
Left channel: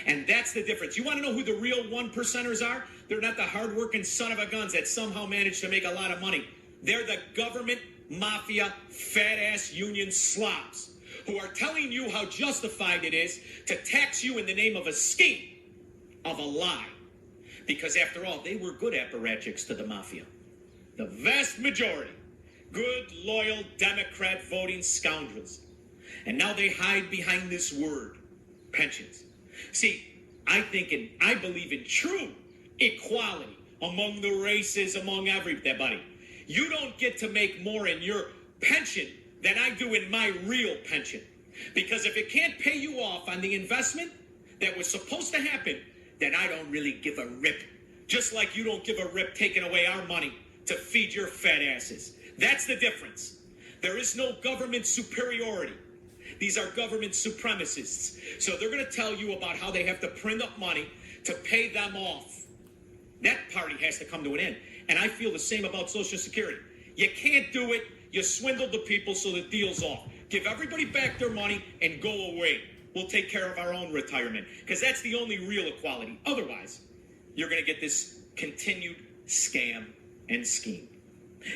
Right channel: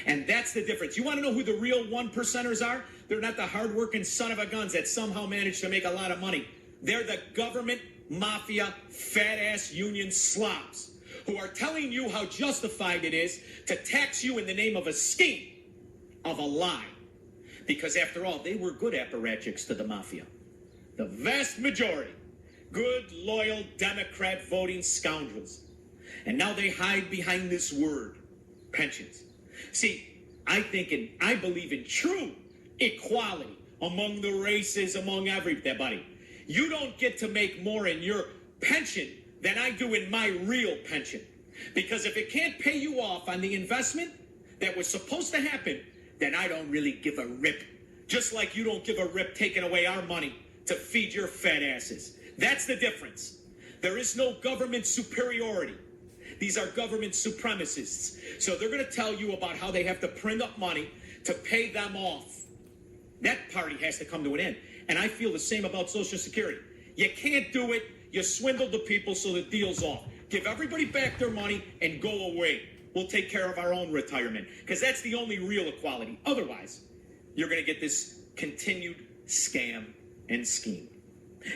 And that's the difference. You want to know who the real 1%ers are? They're not the hardworking son of a guns that somehow managed to make a lot of money. They're the government mafia, fat-ass union slobs who are telling you how justified it is to tax you in the name of a scheme, of a lie. Because after all, they were good apparatchiks to the mafia. The vast majority, good, loyal, Democrat voting scoundrels. And now they hide behind this word, pensions. See, I believe in true equality among the races, among everybody. You don't get to make more in your pension than I do in my real pension. Because if it can't pay you off on the investment that was supposed to happen then I don't really give a rip. Just like you don't give a rip taking away our money to feed your fat asses. That's the difference. There is no government superiority. These are government supremacists. So they're going to tell you about how they have to print up money to pay them off. That party has to come to an end. And I feel the same about Social Security. You can't do it. You swindled the people, so the deal's off. Give everybody back their money and go away. We'll take care of our own retirement, because that's the only real equality. Otherwise, you're going to get this continued scam and scheme.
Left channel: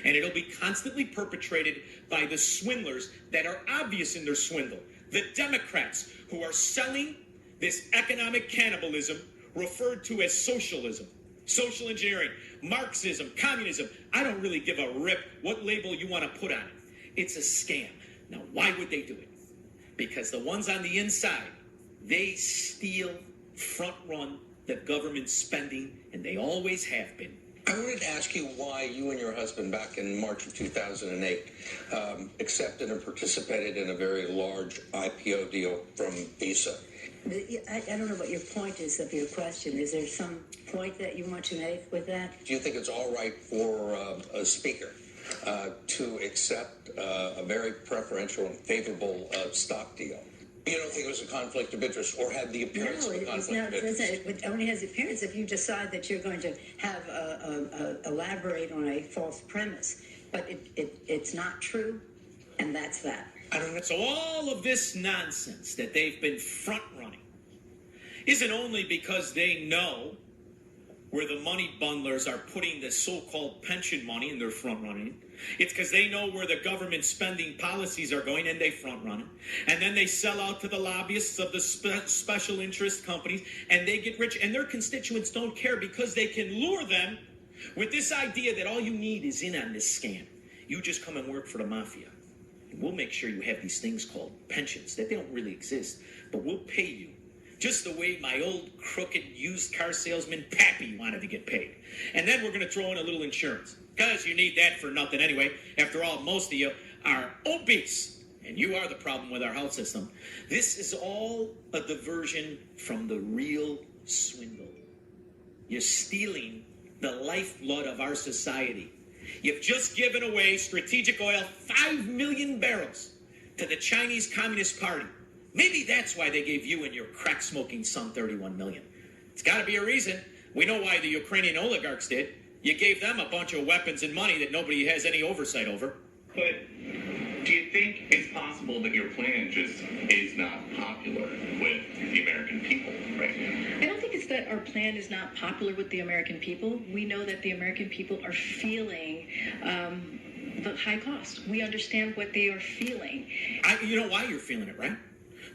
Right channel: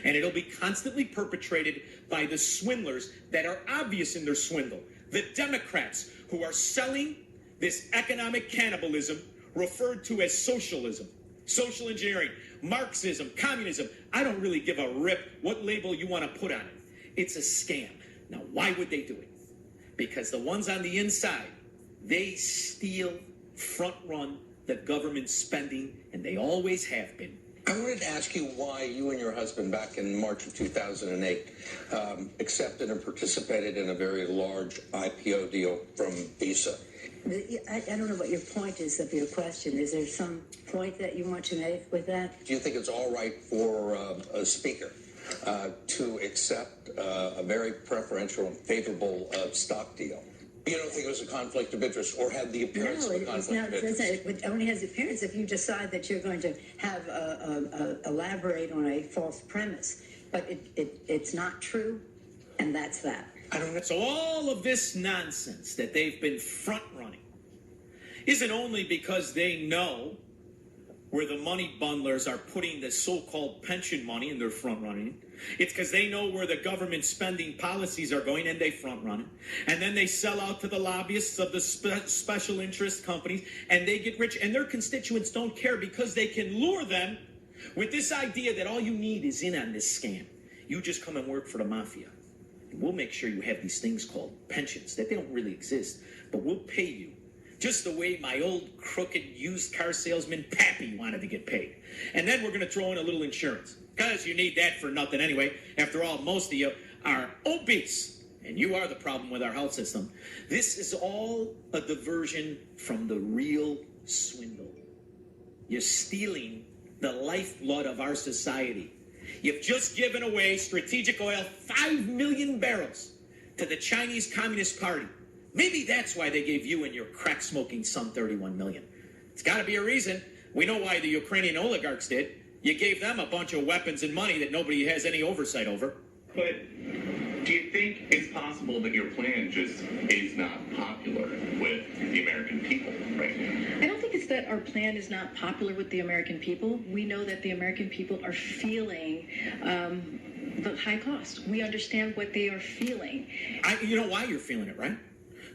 And it'll be constantly perpetrated by the swindlers that are obvious in their swindle. The Democrats who are selling this economic cannibalism referred to as socialism, social engineering, Marxism, communism. I don't really give a rip what label you want to put on it. It's a scam. Now, why would they do it? Because the ones on the inside, they steal, front run the government spending, and they always have been. I wanted to ask you why you and your husband back in March of 2008 accepted and participated in a very large IPO deal from Visa. I don't know what your point is of your question. Is there some point that you want to make with that? Do you think it's all right for a speaker to accept a very preferential and favorable stock deal? You don't think it was a conflict of interest or had the appearance of a conflict of interest? It only has appearance if you decide that you're going to have elaborate on a false premise. But it's not true, and that's that. I don't know. So all of this nonsense that they've been front-running isn't only because they know where the money bundlers are putting the so-called pension money and they're front-running. It's because they know where the government spending policies are going and they front-run. And then they sell out to the lobbyists of the special interest companies and they get rich. And their constituents don't care because they can lure them with this idea that all you need is in on this scam. You just come and work for the mafia. We'll make sure you have these things called pensions, that they don't really exist, but we'll pay you just the way my old crooked used car salesman Pappy wanted to get paid. And then we're going to throw in a little insurance, because you need that for nothing anyway. After all, most of you are obese, and you are the problem with our health system. This is all a diversion from the real swindle. You're stealing the lifeblood of our society. You've just given away strategic oil, 5 million barrels, to the Chinese Communist Party. Maybe that's why they gave you and your crack-smoking son 31 million. It's got to be a reason. We know why the Ukrainian oligarchs did. You gave them a bunch of weapons and money that nobody has any oversight over. But do you think it's possible that your plan just is not popular with the American people right now? I don't think it's that our plan is not popular with the American people. We know that the American people are feeling the high cost. We understand what they are feeling. You know why you're feeling it, right?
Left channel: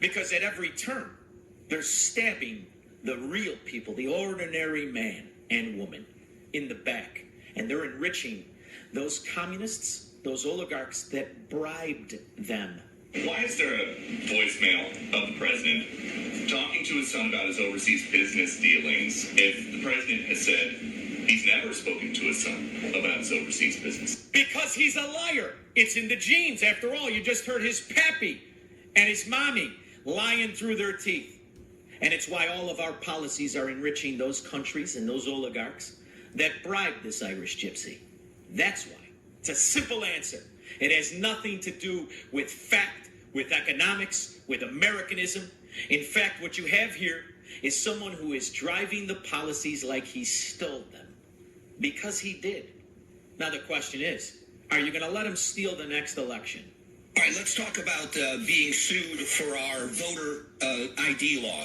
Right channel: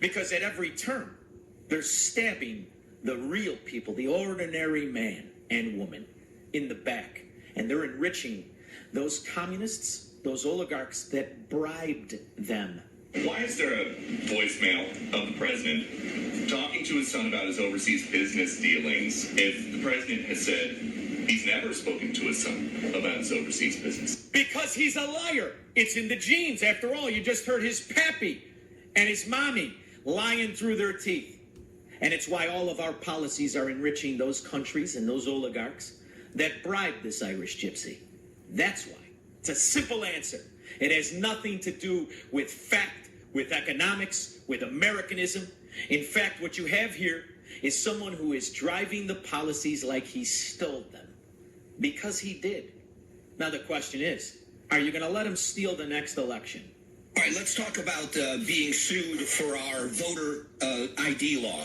Because at every turn, they're stabbing the real people, the ordinary man and woman, in the back. And they're enriching those communists, those oligarchs that bribed them. Why is there a voicemail of the president talking to his son about his overseas business dealings if the president has said he's never spoken to his son about his overseas business? Because he's a liar. It's in the genes. After all, you just heard his pappy and his mommy lying through their teeth. And it's why all of our policies are enriching those countries and those oligarchs that bribed this Irish gypsy. That's why. It's a simple answer. It has nothing to do with fact, with economics, with Americanism. In fact, what you have here is someone who is driving the policies like he stole them. Because he did. Now the question is, are you going to let him steal the next election? All right, let's talk about being sued for our voter ID law.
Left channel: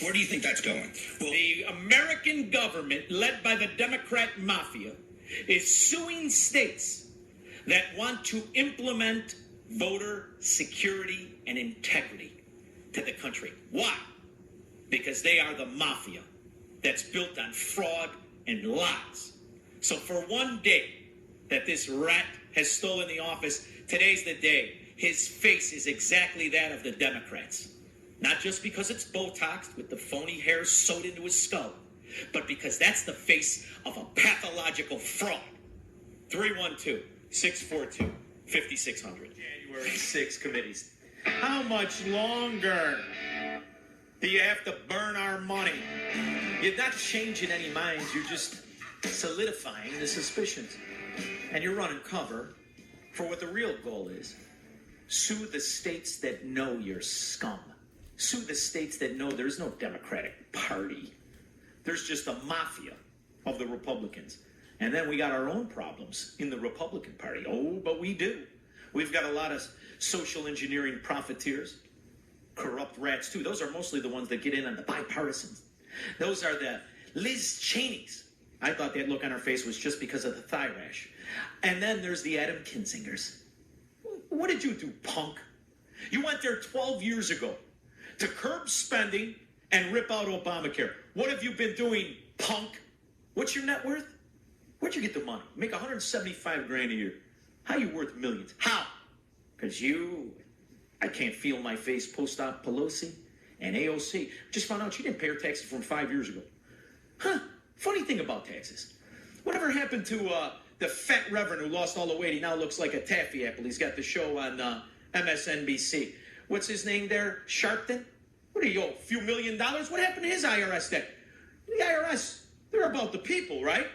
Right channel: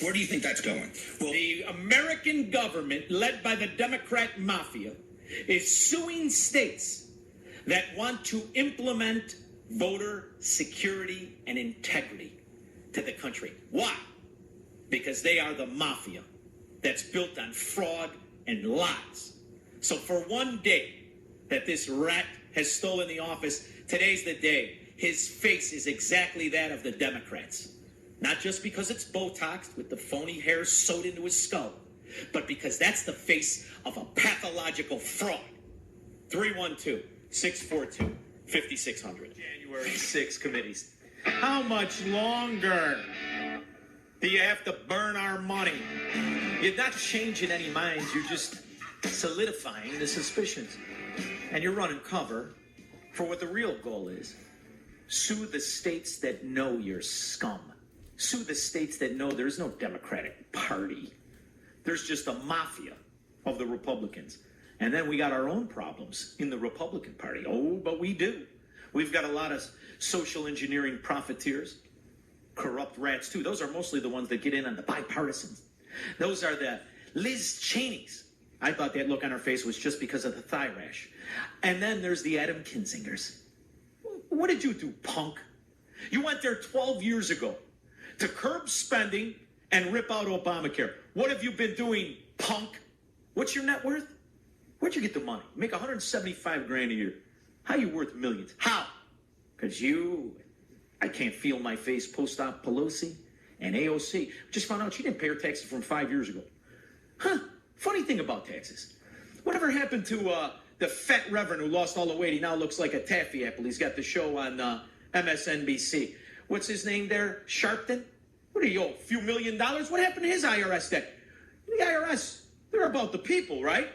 Where do you think that's going? Well, the American government, led by the Democrat mafia, is suing states that want to implement voter security and integrity to the country. Why? Because they are the mafia that's built on fraud and lies. So for one day that this rat has stolen the office, today's the day. His face is exactly that of the Democrats. Not just because it's Botoxed with the phony hair sewed into his skull, but because that's the face of a pathological fraud. 312-642-5600. January 6 committees. How much longer do you have to burn our money? You're not changing any minds. You're just solidifying the suspicions. And you're running cover for what the real goal is. Sue the states that know you're scum. Sue the states that know there's no Democratic Party. There's just a mafia of the Republicans. And then we got our own problems in the Republican Party. Oh, but we do. We've got a lot of social engineering profiteers, corrupt rats too. Those are mostly the ones that get in on the bipartisans. Those are the Liz Cheneys. I thought that look on her face was just because of the thigh rash. And then there's the Adam Kinzingers. What did you do, punk? You went there 12 years ago to curb spending and rip out Obamacare. What have you been doing, punk? What's your net worth? Where'd you get the money? You make $175 grand a year. How you worth millions? How? Because I can't feel my face post-op Pelosi and AOC. Just found out she didn't pay her taxes from 5 years ago. Huh? Funny thing about taxes. Whatever happened to the fat reverend who lost all the weight? He now looks like a taffy apple. He's got the show on MSNBC. What's his name there? Sharpton? What are you, a few $1 million? What happened to his IRS debt? The IRS, they're about the people, right?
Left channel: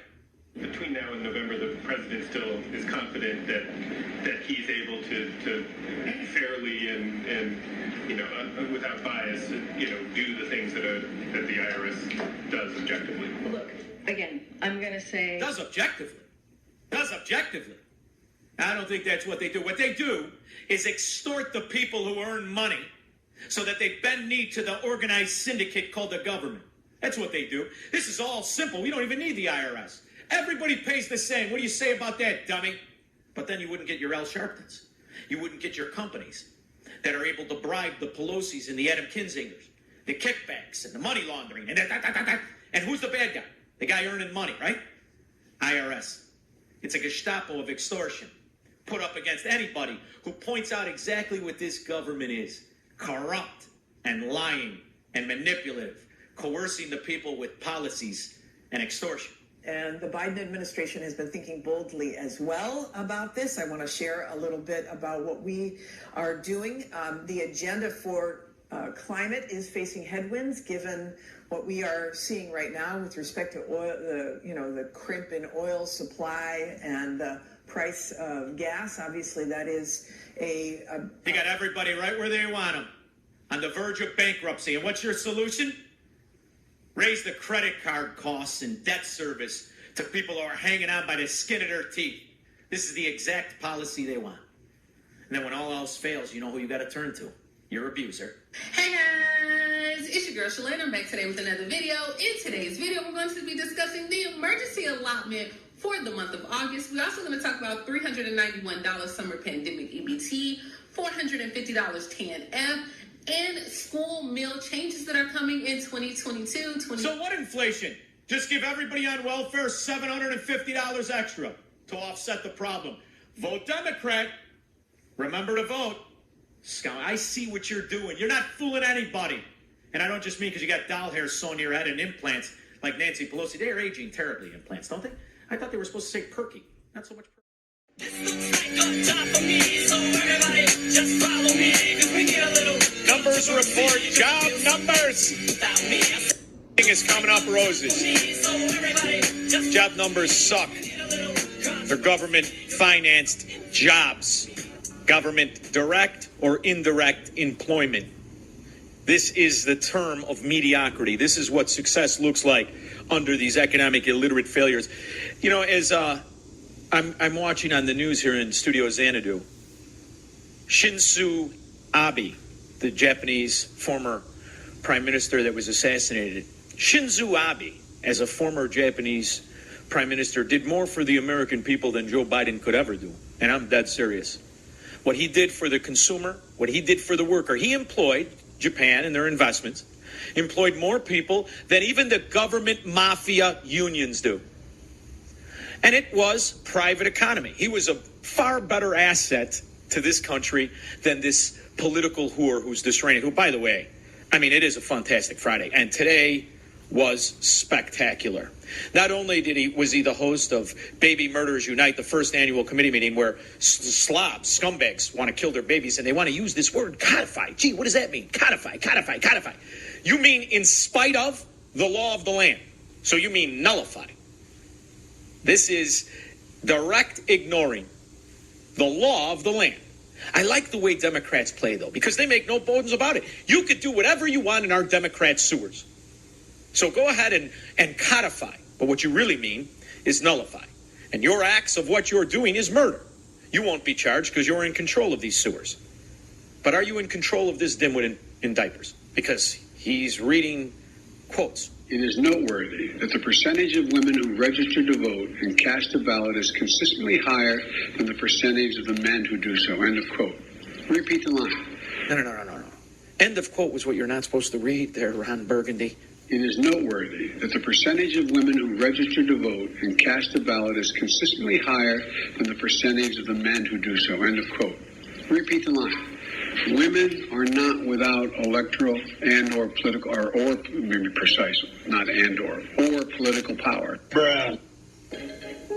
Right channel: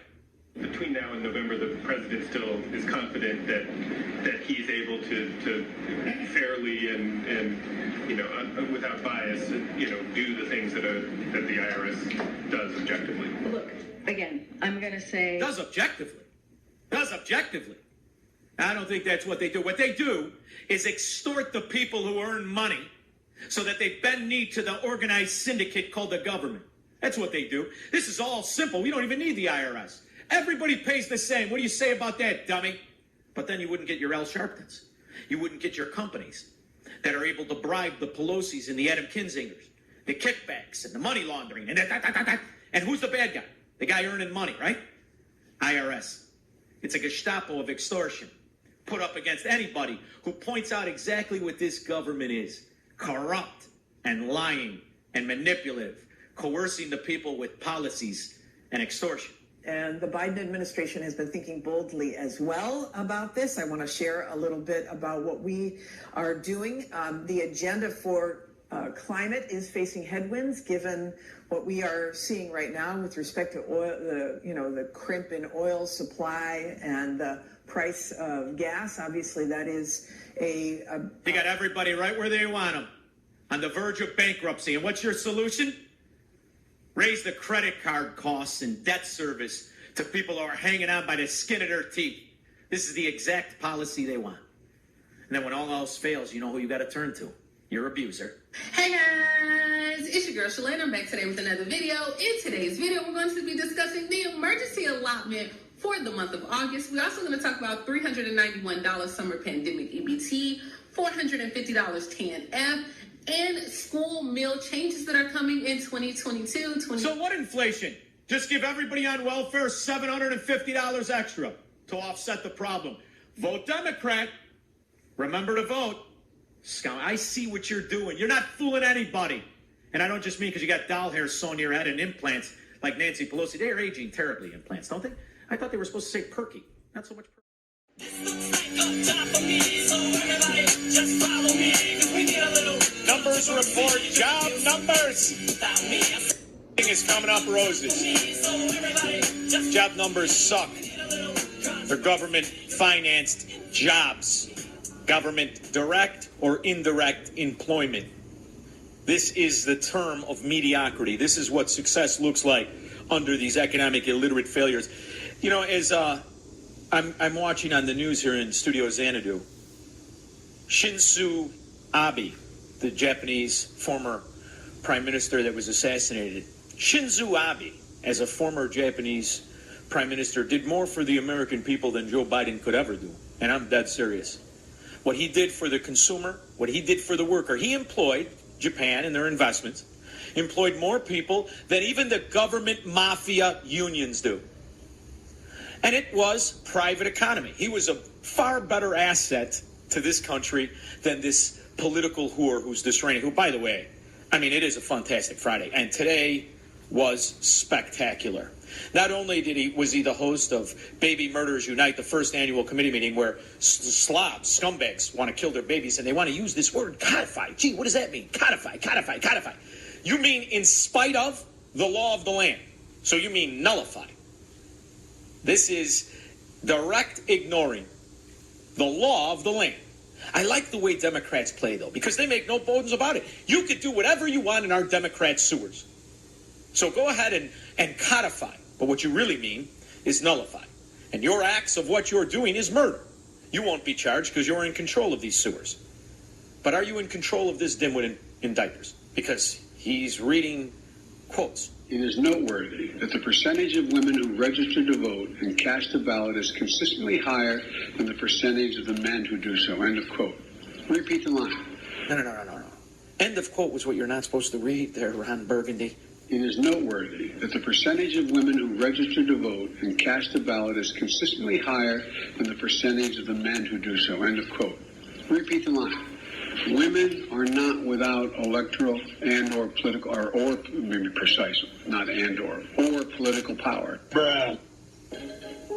Between now and November, the president still is confident that he's able to fairly and without bias, do the things that the IRS does objectively. Look, again, I'm going to say... Does objectively. I don't think that's what they do. What they do is extort the people who earn money so that they bend knee to the organized syndicate called the government. That's what they do. This is all simple. We don't even need the IRS. Everybody pays the same. What do you say about that, dummy? But then you wouldn't get your Al Sharptons. You wouldn't get your companies that are able to bribe the Pelosi's and the Adam Kinzingers, the kickbacks and the money laundering. And who's the bad guy? The guy earning money, right? IRS. It's a Gestapo of extortion put up against anybody who points out exactly what this government is. Corrupt and lying and manipulative, coercing the people with policies and extortion. And the Biden administration has been thinking boldly as well about this. I want to share a little bit about what we are doing. The agenda for climate is facing headwinds, given what we are seeing right now with respect to oil, the crimp in oil supply and the price of gas. Obviously, that is You got everybody right where they want them, on the verge of bankruptcy. And what's your solution? Raise the credit card costs and debt service to people who are hanging on by the skin of their teeth. This is the exact policy they want. And then when all else fails, you know who you got to turn to? Your abuser. Hey guys, it's your girl Shalane. I'm back today with another video. In today's video, we're going to be discussing the emergency allotment for the month of August. We're also going to talk about $391 summer pandemic EBT, $450 TANF, and school meal changes that are coming in 2022. So what inflation? Just give everybody on welfare $750 extra to offset the problem. Vote Democrat. Remember to vote. I see what you're doing. You're not fooling anybody. And I don't just mean because you got doll hair sewn to your head and implants like Nancy Pelosi. They're aging terribly, implants, don't they? I thought they were supposed to say perky. Not so much perky. Numbers report, job numbers. Thing is coming up roses. Job numbers suck. They're government-financed jobs. Government direct or indirect employment. This is the term of mediocrity. This is what success looks like under these economic illiterate failures. You know, as I'm watching on the news here in Studio Xanadu, Shinzo Abe, the Japanese former prime minister that was assassinated. Shinzo Abe, as a former Japanese prime minister, did more for the American people than Joe Biden could ever do. And I'm dead serious. What he did for the consumer, what he did for the worker, he employed Japan and their investments, employed more people than even the government mafia unions do. And it was private economy. He was a far better asset to this country than this political whore who's destroying it. Who, by the way, I mean, it is a fantastic Friday. And today was spectacular. Not only was he the host of Baby Murderers Unite, the first annual committee meeting where slobs, scumbags want to kill their babies, and they want to use this word, codify. Gee, what does that mean? Codify. You mean in spite of the law of the land. So you mean nullify. This is direct ignoring the law of the land. I like the way Democrats play, though, because they make no bones about it. You could do whatever you want in our Democrat sewers. So go ahead and codify. But what you really mean is nullify. And your acts of what you're doing is murder. You won't be charged because you're in control of these sewers. But are you in control of this dimwit in diapers? Because he's reading quotes. It is noteworthy that the percentage of women who register to vote and cast a ballot is consistently higher than the percentage of the men who do so. End of quote. Repeat the line. No. End of quote was what you're not supposed to read there, Ron Burgundy. It is noteworthy that the percentage of women who register to vote and cast a ballot is consistently higher than the percentage of the men who do so. End of quote. Repeat the line. Women are not without electoral and or political, or maybe precise, not and or political power. Bruh.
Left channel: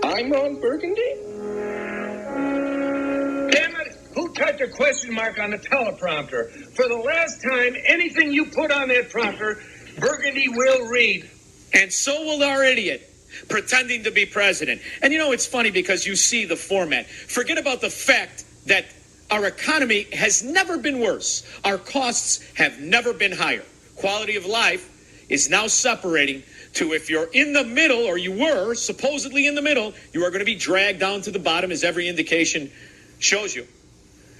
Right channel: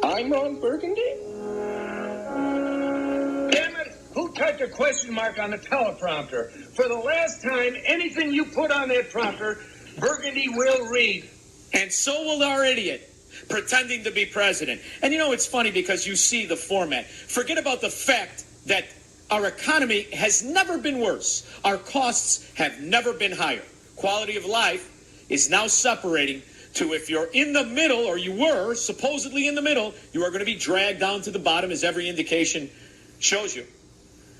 I'm Ron Burgundy? Damn it! Who typed a question mark on the teleprompter? For the last time, anything you put on that prompter, Burgundy will read. And so will our idiot, pretending to be president. And you know, it's funny because you see the format. Forget about the fact that our economy has never been worse. Our costs have never been higher. Quality of life is now separating to, if you're in the middle, or you were supposedly in the middle, you are going to be dragged down to the bottom, as every indication shows you.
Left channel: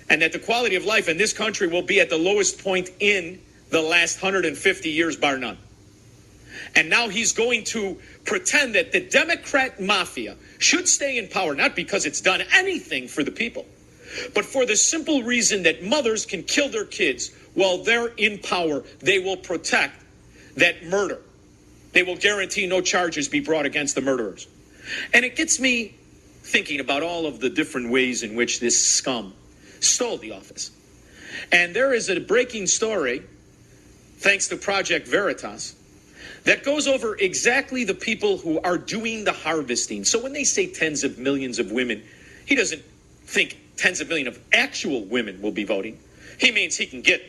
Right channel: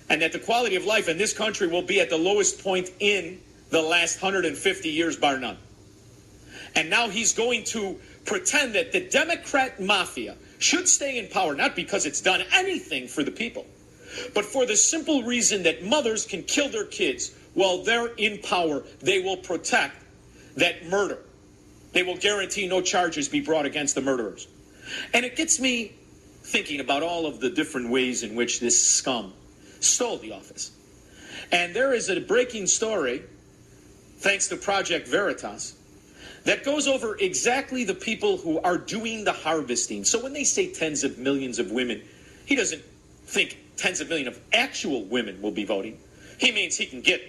And that the quality of life in this country will be at the lowest point in the last 150 years, bar none. And now he's going to pretend that the Democrat mafia should stay in power, not because it's done anything for the people, but for the simple reason that mothers can kill their kids while they're in power. They will protect that murder. They will guarantee no charges be brought against the murderers. And it gets me thinking about all of the different ways in which this scum stole the office. And there is a breaking story, thanks to Project Veritas, that goes over exactly the people who are doing the harvesting. So when they say tens of millions of women, he doesn't think tens of millions of actual women will be voting. He means he can get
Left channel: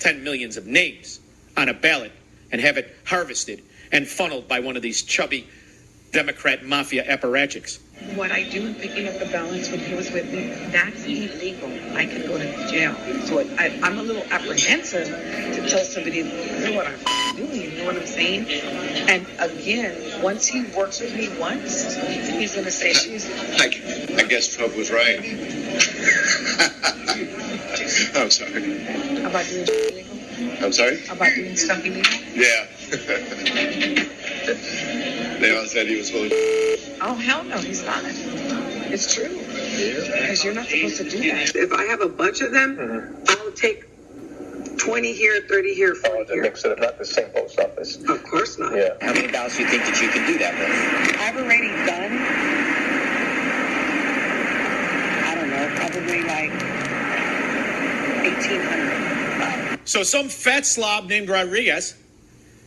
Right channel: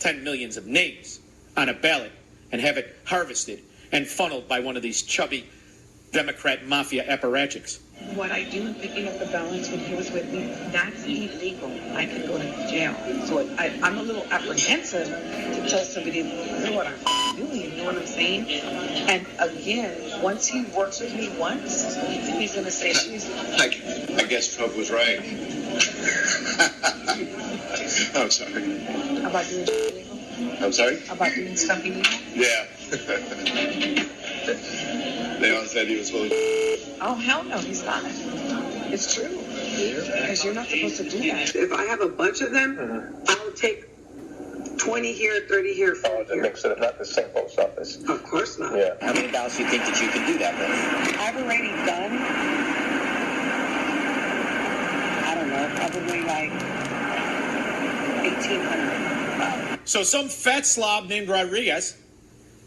10 millions of names on a ballot and have it harvested and funneled by one of these chubby Democrat mafia apparatchiks. What I do in picking up the balance when he was with me, that's illegal. I can go to jail. So I'm a little apprehensive to tell somebody what I'm doing, you know what I'm saying? And again, once he works with me once, he's going to say she's... I guess Trump was right. I'm sorry. About doing illegal? I'm sorry? About doing stuff illegal? Yeah. They all said he was full of... Oh, hell no, he's not. It's true. Because you're not supposed to do that. If I have a bunch of them, I'll take 20 here, 30 here, 40 here. Mix it up, the same post office. Of course not. Yeah. How many ballots do you think that you can do that with? Operating gun? I don't know, probably like 1,800. So some fat slob named Rodriguez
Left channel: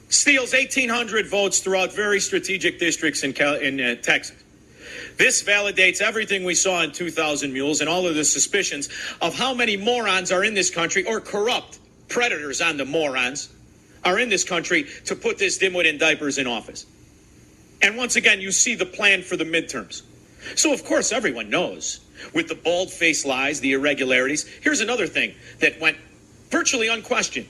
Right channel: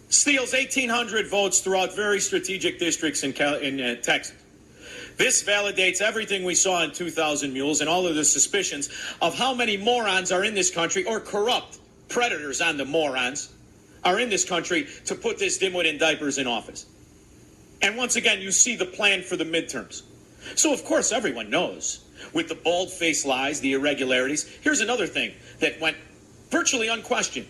steals 1,800 votes throughout very strategic districts in Texas. This validates everything we saw in 2000 Mules and all of the suspicions of how many morons are in this country, or corrupt predators on the morons are in this country, to put this dimwit in diapers in office. And once again, you see the plan for the midterms. So, of course, everyone knows, with the bald-faced lies, the irregularities. Here's another thing that went virtually unquestioned.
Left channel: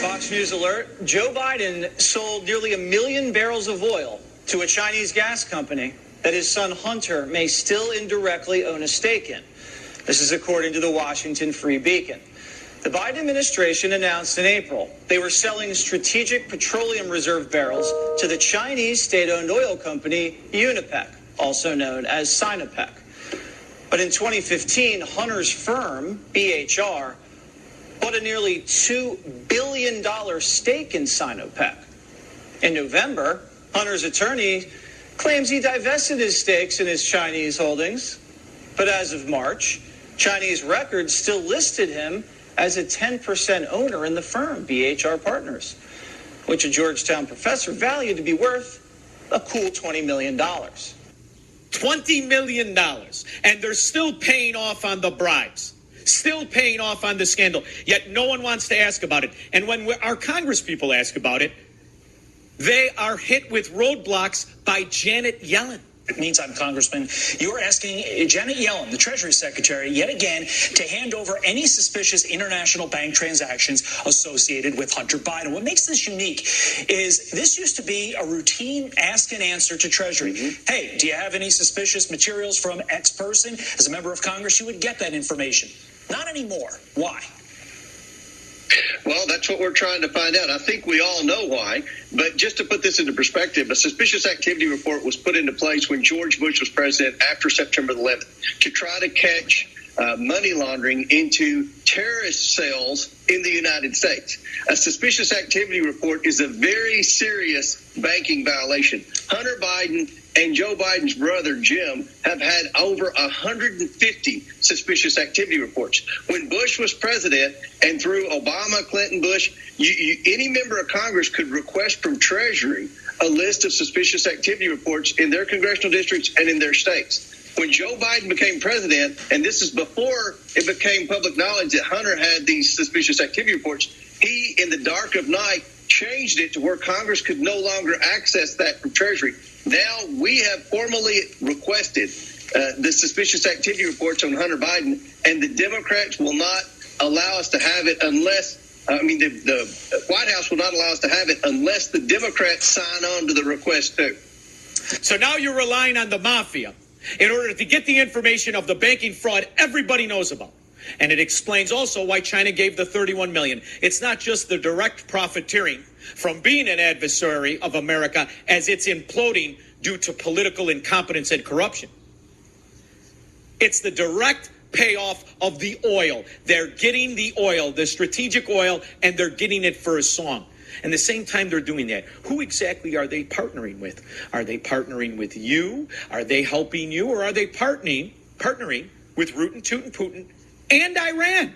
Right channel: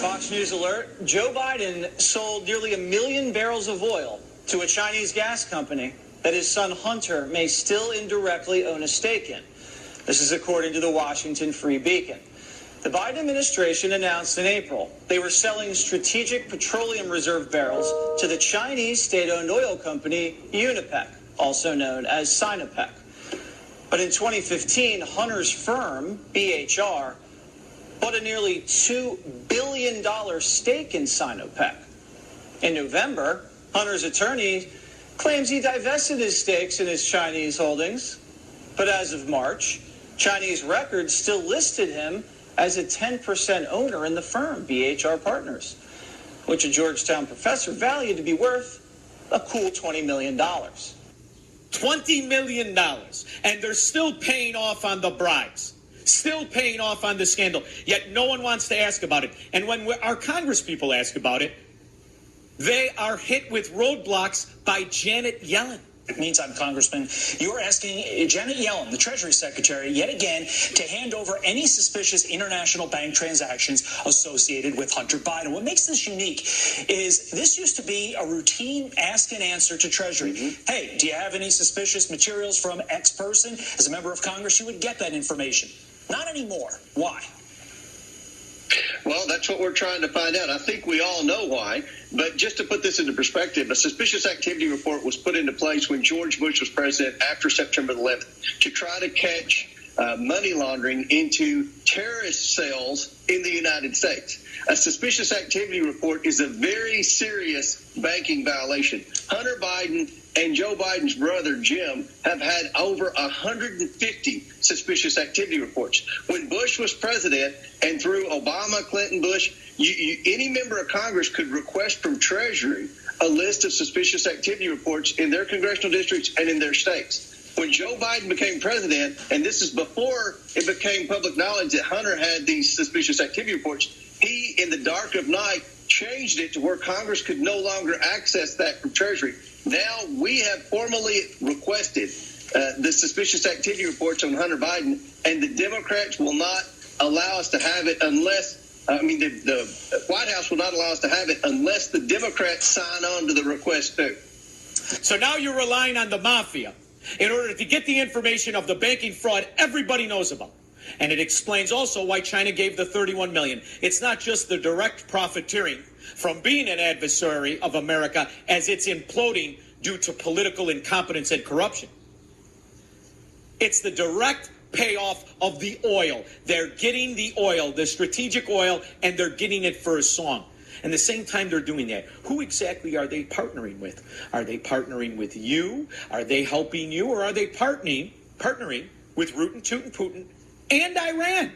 Fox News alert. Joe Biden sold nearly 1 million barrels of oil to a Chinese gas company that his son Hunter may still indirectly own a stake in. This is according to the Washington Free Beacon. The Biden administration announced in April they were selling strategic petroleum reserve barrels to the Chinese state-owned oil company Unipec, also known as Sinopec. But in 2015, Hunter's firm, BHR, bought a nearly $2 billion stake in Sinopec. In November, Hunter's attorney claims he divested his stakes in his Chinese holdings. But as of March, Chinese records still listed him as a 10% owner in the firm, BHR Partners, which a Georgetown professor valued to be worth a cool $20 million. $20 million. And they're still paying off on the bribes. Still paying off on the scandal. Yet no one wants to ask about it. And when our Congress people ask about it, They are hit with roadblocks by Janet Yellen. Meantime, Congressman, you are asking Janet Yellen, the Treasury Secretary, yet again to hand over any suspicious international bank transactions associated with Hunter Biden. What makes this unique is this used to be a routine ask and answer to Treasury. Hey, do you have any suspicious materials from X person? As a member of Congress, you would get that information. Not anymore. Why? Well, that's what we're trying to find out. I think we all know why. But just to put this into perspective, a suspicious activity report was put into place when George Bush was president after September 11th to try to catch money laundering into terrorist cells in the United States. A suspicious activity report is a very serious banking violation. Hunter Biden and Joe Biden's brother, Jim, have had over 150 suspicious activity reports. When Bush was president and through Obama, Clinton, Bush, any member of Congress could request from Treasury a list of suspicious activity reports in their congressional districts and in their states. When Joe Biden became president, and this is before it became public knowledge that Hunter had these suspicious activity reports, he, in the dark of night, changed it to where Congress could no longer access that from Treasury. Now we have formally requested the suspicious activity reports on Hunter Biden, and the Democrats will not allow us to have it unless the White House will not allow us to have it unless the Democrats sign on to the request too. So now you're relying on the mafia in order to get the information of the banking fraud everybody knows about. And it explains also why China gave the $31 million. It's not just the direct profiteering from being an adversary of America as it's imploding due to political incompetence and corruption. It's the direct payoff of the oil. They're getting the oil, the strategic oil, and they're getting it for a song. And the same time they're doing that, who exactly are they partnering with? Are they partnering with you? Are they helping you? Or are they partnering with Rootin' Tootin' Putin and Iran?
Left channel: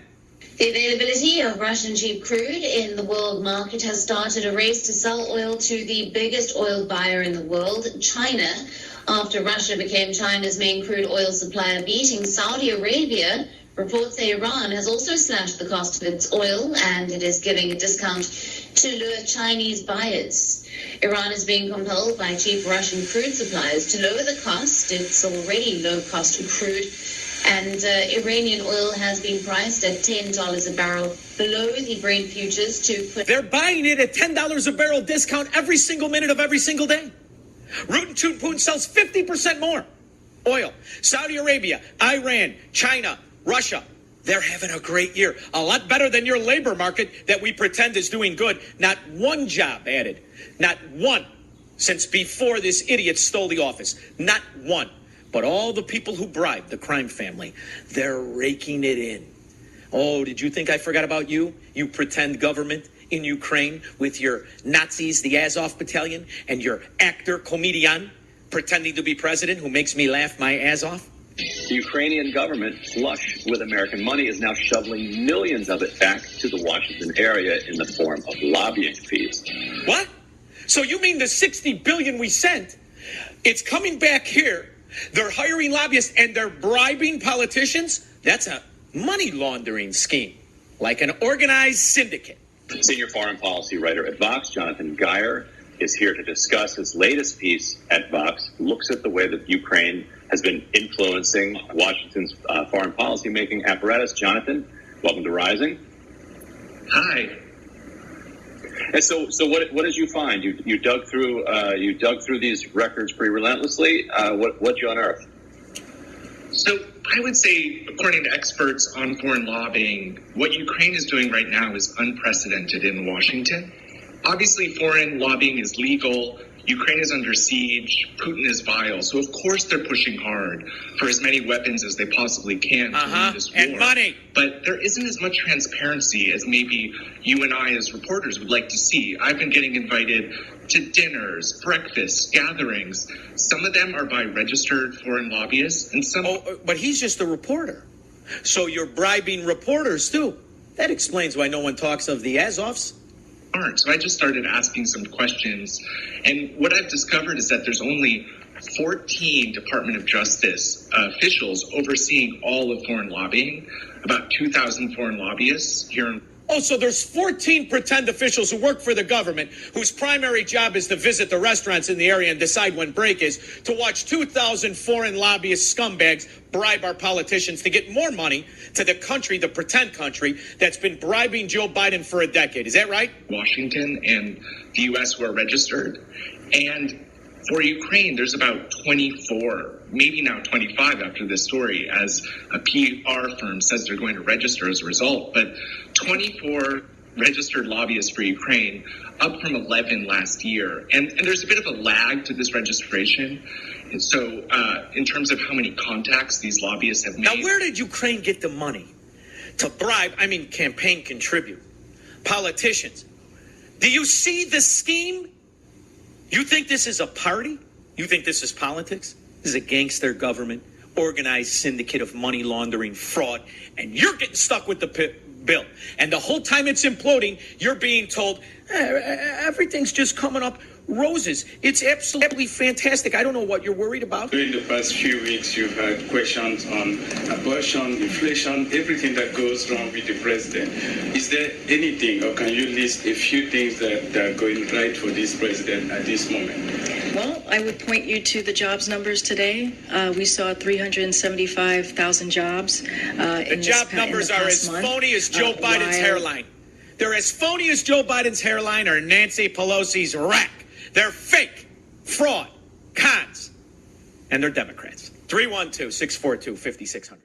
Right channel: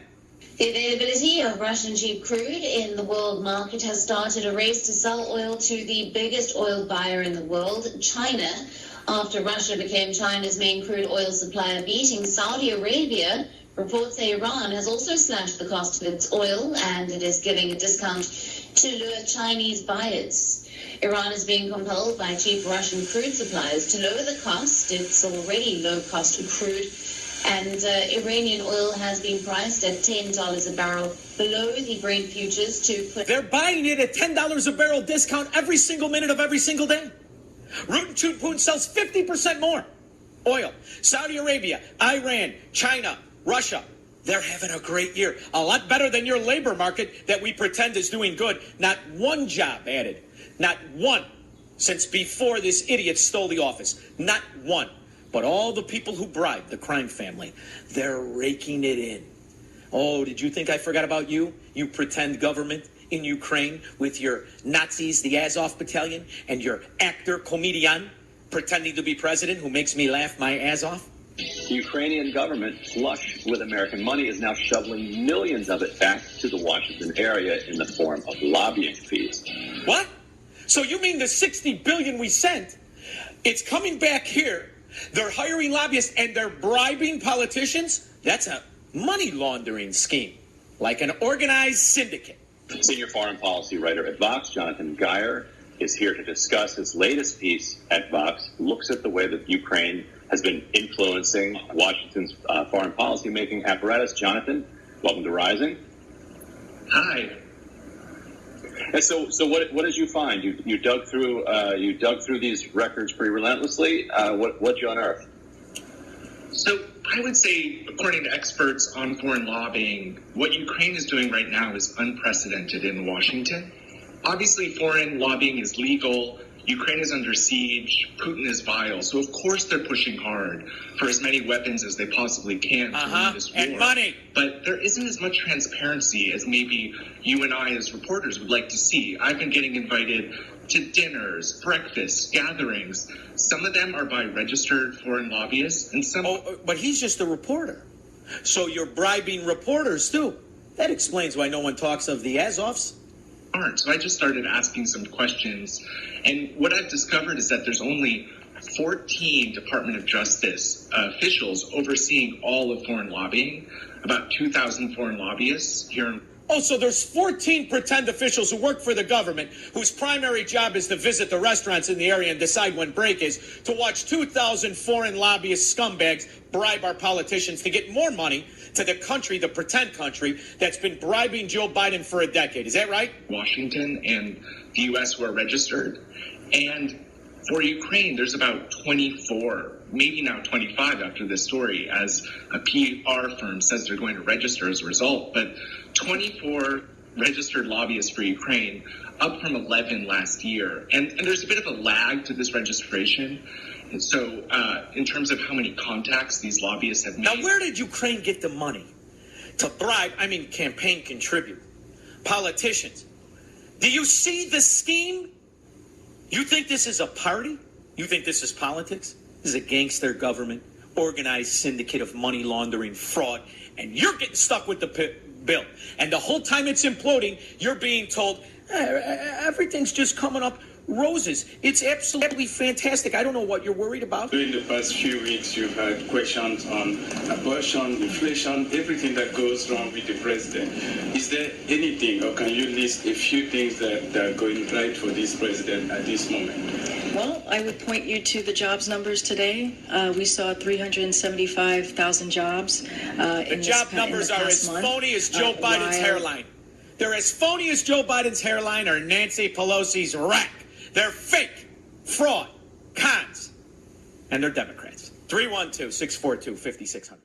The availability of Russian cheap crude in the world market has started a race to sell oil to the biggest oil buyer in the world, China, after Russia became China's main crude oil supplier, beating Saudi Arabia. Reports say Iran has also slashed the cost of its oil, and it is giving a discount to lure Chinese buyers. Iran is being compelled by cheap Russian crude suppliers to lower the cost. It's already low-cost crude, and Iranian oil has been priced at $10 a barrel below the Brent futures. They're buying it at $10 a barrel discount every single minute of every single day. Rootin' Tootin' Putin sells 50% more oil. Saudi Arabia, Iran, China, Russia, they're having a great year. A lot better than your labor market that we pretend is doing good. Not one job added. Not one since before this idiot stole the office. Not one. But all the people who bribed the crime family, they're raking it in. Oh, did you think I forgot about you? You pretend government in Ukraine with your Nazis, the Azov battalion, and your actor, comedian, pretending to be president who makes me laugh my ass off? The Ukrainian government, flush with American money, is now shoveling millions of it back to the Washington area in the form of lobbying fees. What? So you mean the $60 billion we sent, it's coming back here, they're hiring lobbyists and they're bribing politicians? That's a money laundering scheme, like an organized syndicate. Senior foreign policy writer at Vox, Jonathan Geyer, is here to discuss his latest piece at Vox, looks at the way that Ukraine has been influencing Washington's foreign policy making apparatus. Jonathan, welcome to Rising. Hi. And so what did you find? You dug through these records pretty relentlessly. What'd you unearth? So I would say, according to experts on foreign lobbying, what Ukraine is doing right now is unprecedented in Washington. Obviously, foreign lobbying is legal. Ukraine is under siege. Putin is vile. So, of course, they're pushing hard for as many weapons as they possibly can to win this war. And money. But there isn't as much transparency as maybe you and I as reporters would like to see. I've been getting invited to dinners, breakfasts, gatherings. Some of them are by registered foreign lobbyists, and some... but he's just a reporter. So you're bribing reporters, too. That explains why no one talks of the Azovs. So I just started asking some questions, and what I've discovered is that there's only 14 Department of Justice officials overseeing all of foreign lobbying, about 2,000 foreign lobbyists here in... Oh, so there's 14 pretend officials who work for the government whose primary job is to visit the restaurants in the area and decide when break is, to watch 2,000 foreign lobbyist scumbags bribe our politicians to get more money to the country, the pretend country, that's been bribing Joe Biden for a decade. Is that right? Washington and the U.S. were registered. And for Ukraine, there's about 24, maybe now 25 after this story, as a PR firm says they're going to register as a result. But 24 registered lobbyists for Ukraine, up from 11 last year. And there's a bit of a lag to this registration. So in terms of how many contacts these lobbyists have made. Now, where did Ukraine get the money to bribe, campaign contribute politicians? Do you see the scheme? You think this is a party? You think this is politics? This is a gangster government, organized syndicate of money laundering, fraud, and you're getting stuck with the bill. And the whole time it's imploding, you're being told, everything's just coming up roses. It's absolutely fantastic. I don't know what you're worried about. During the past few weeks, you've had questions on abortion, inflation, everything that goes wrong with the president. Is there anything, or can you list a few things that are going right for this president at this moment? Well, I would point you to the jobs numbers today. We saw 375,000 jobs. The job numbers are as phony as Joe Biden's hairline. They're as phony as Joe Biden's hairline or Nancy Pelosi's rack. They're fake, fraud, cons, and they're Democrats. 312-642-5600.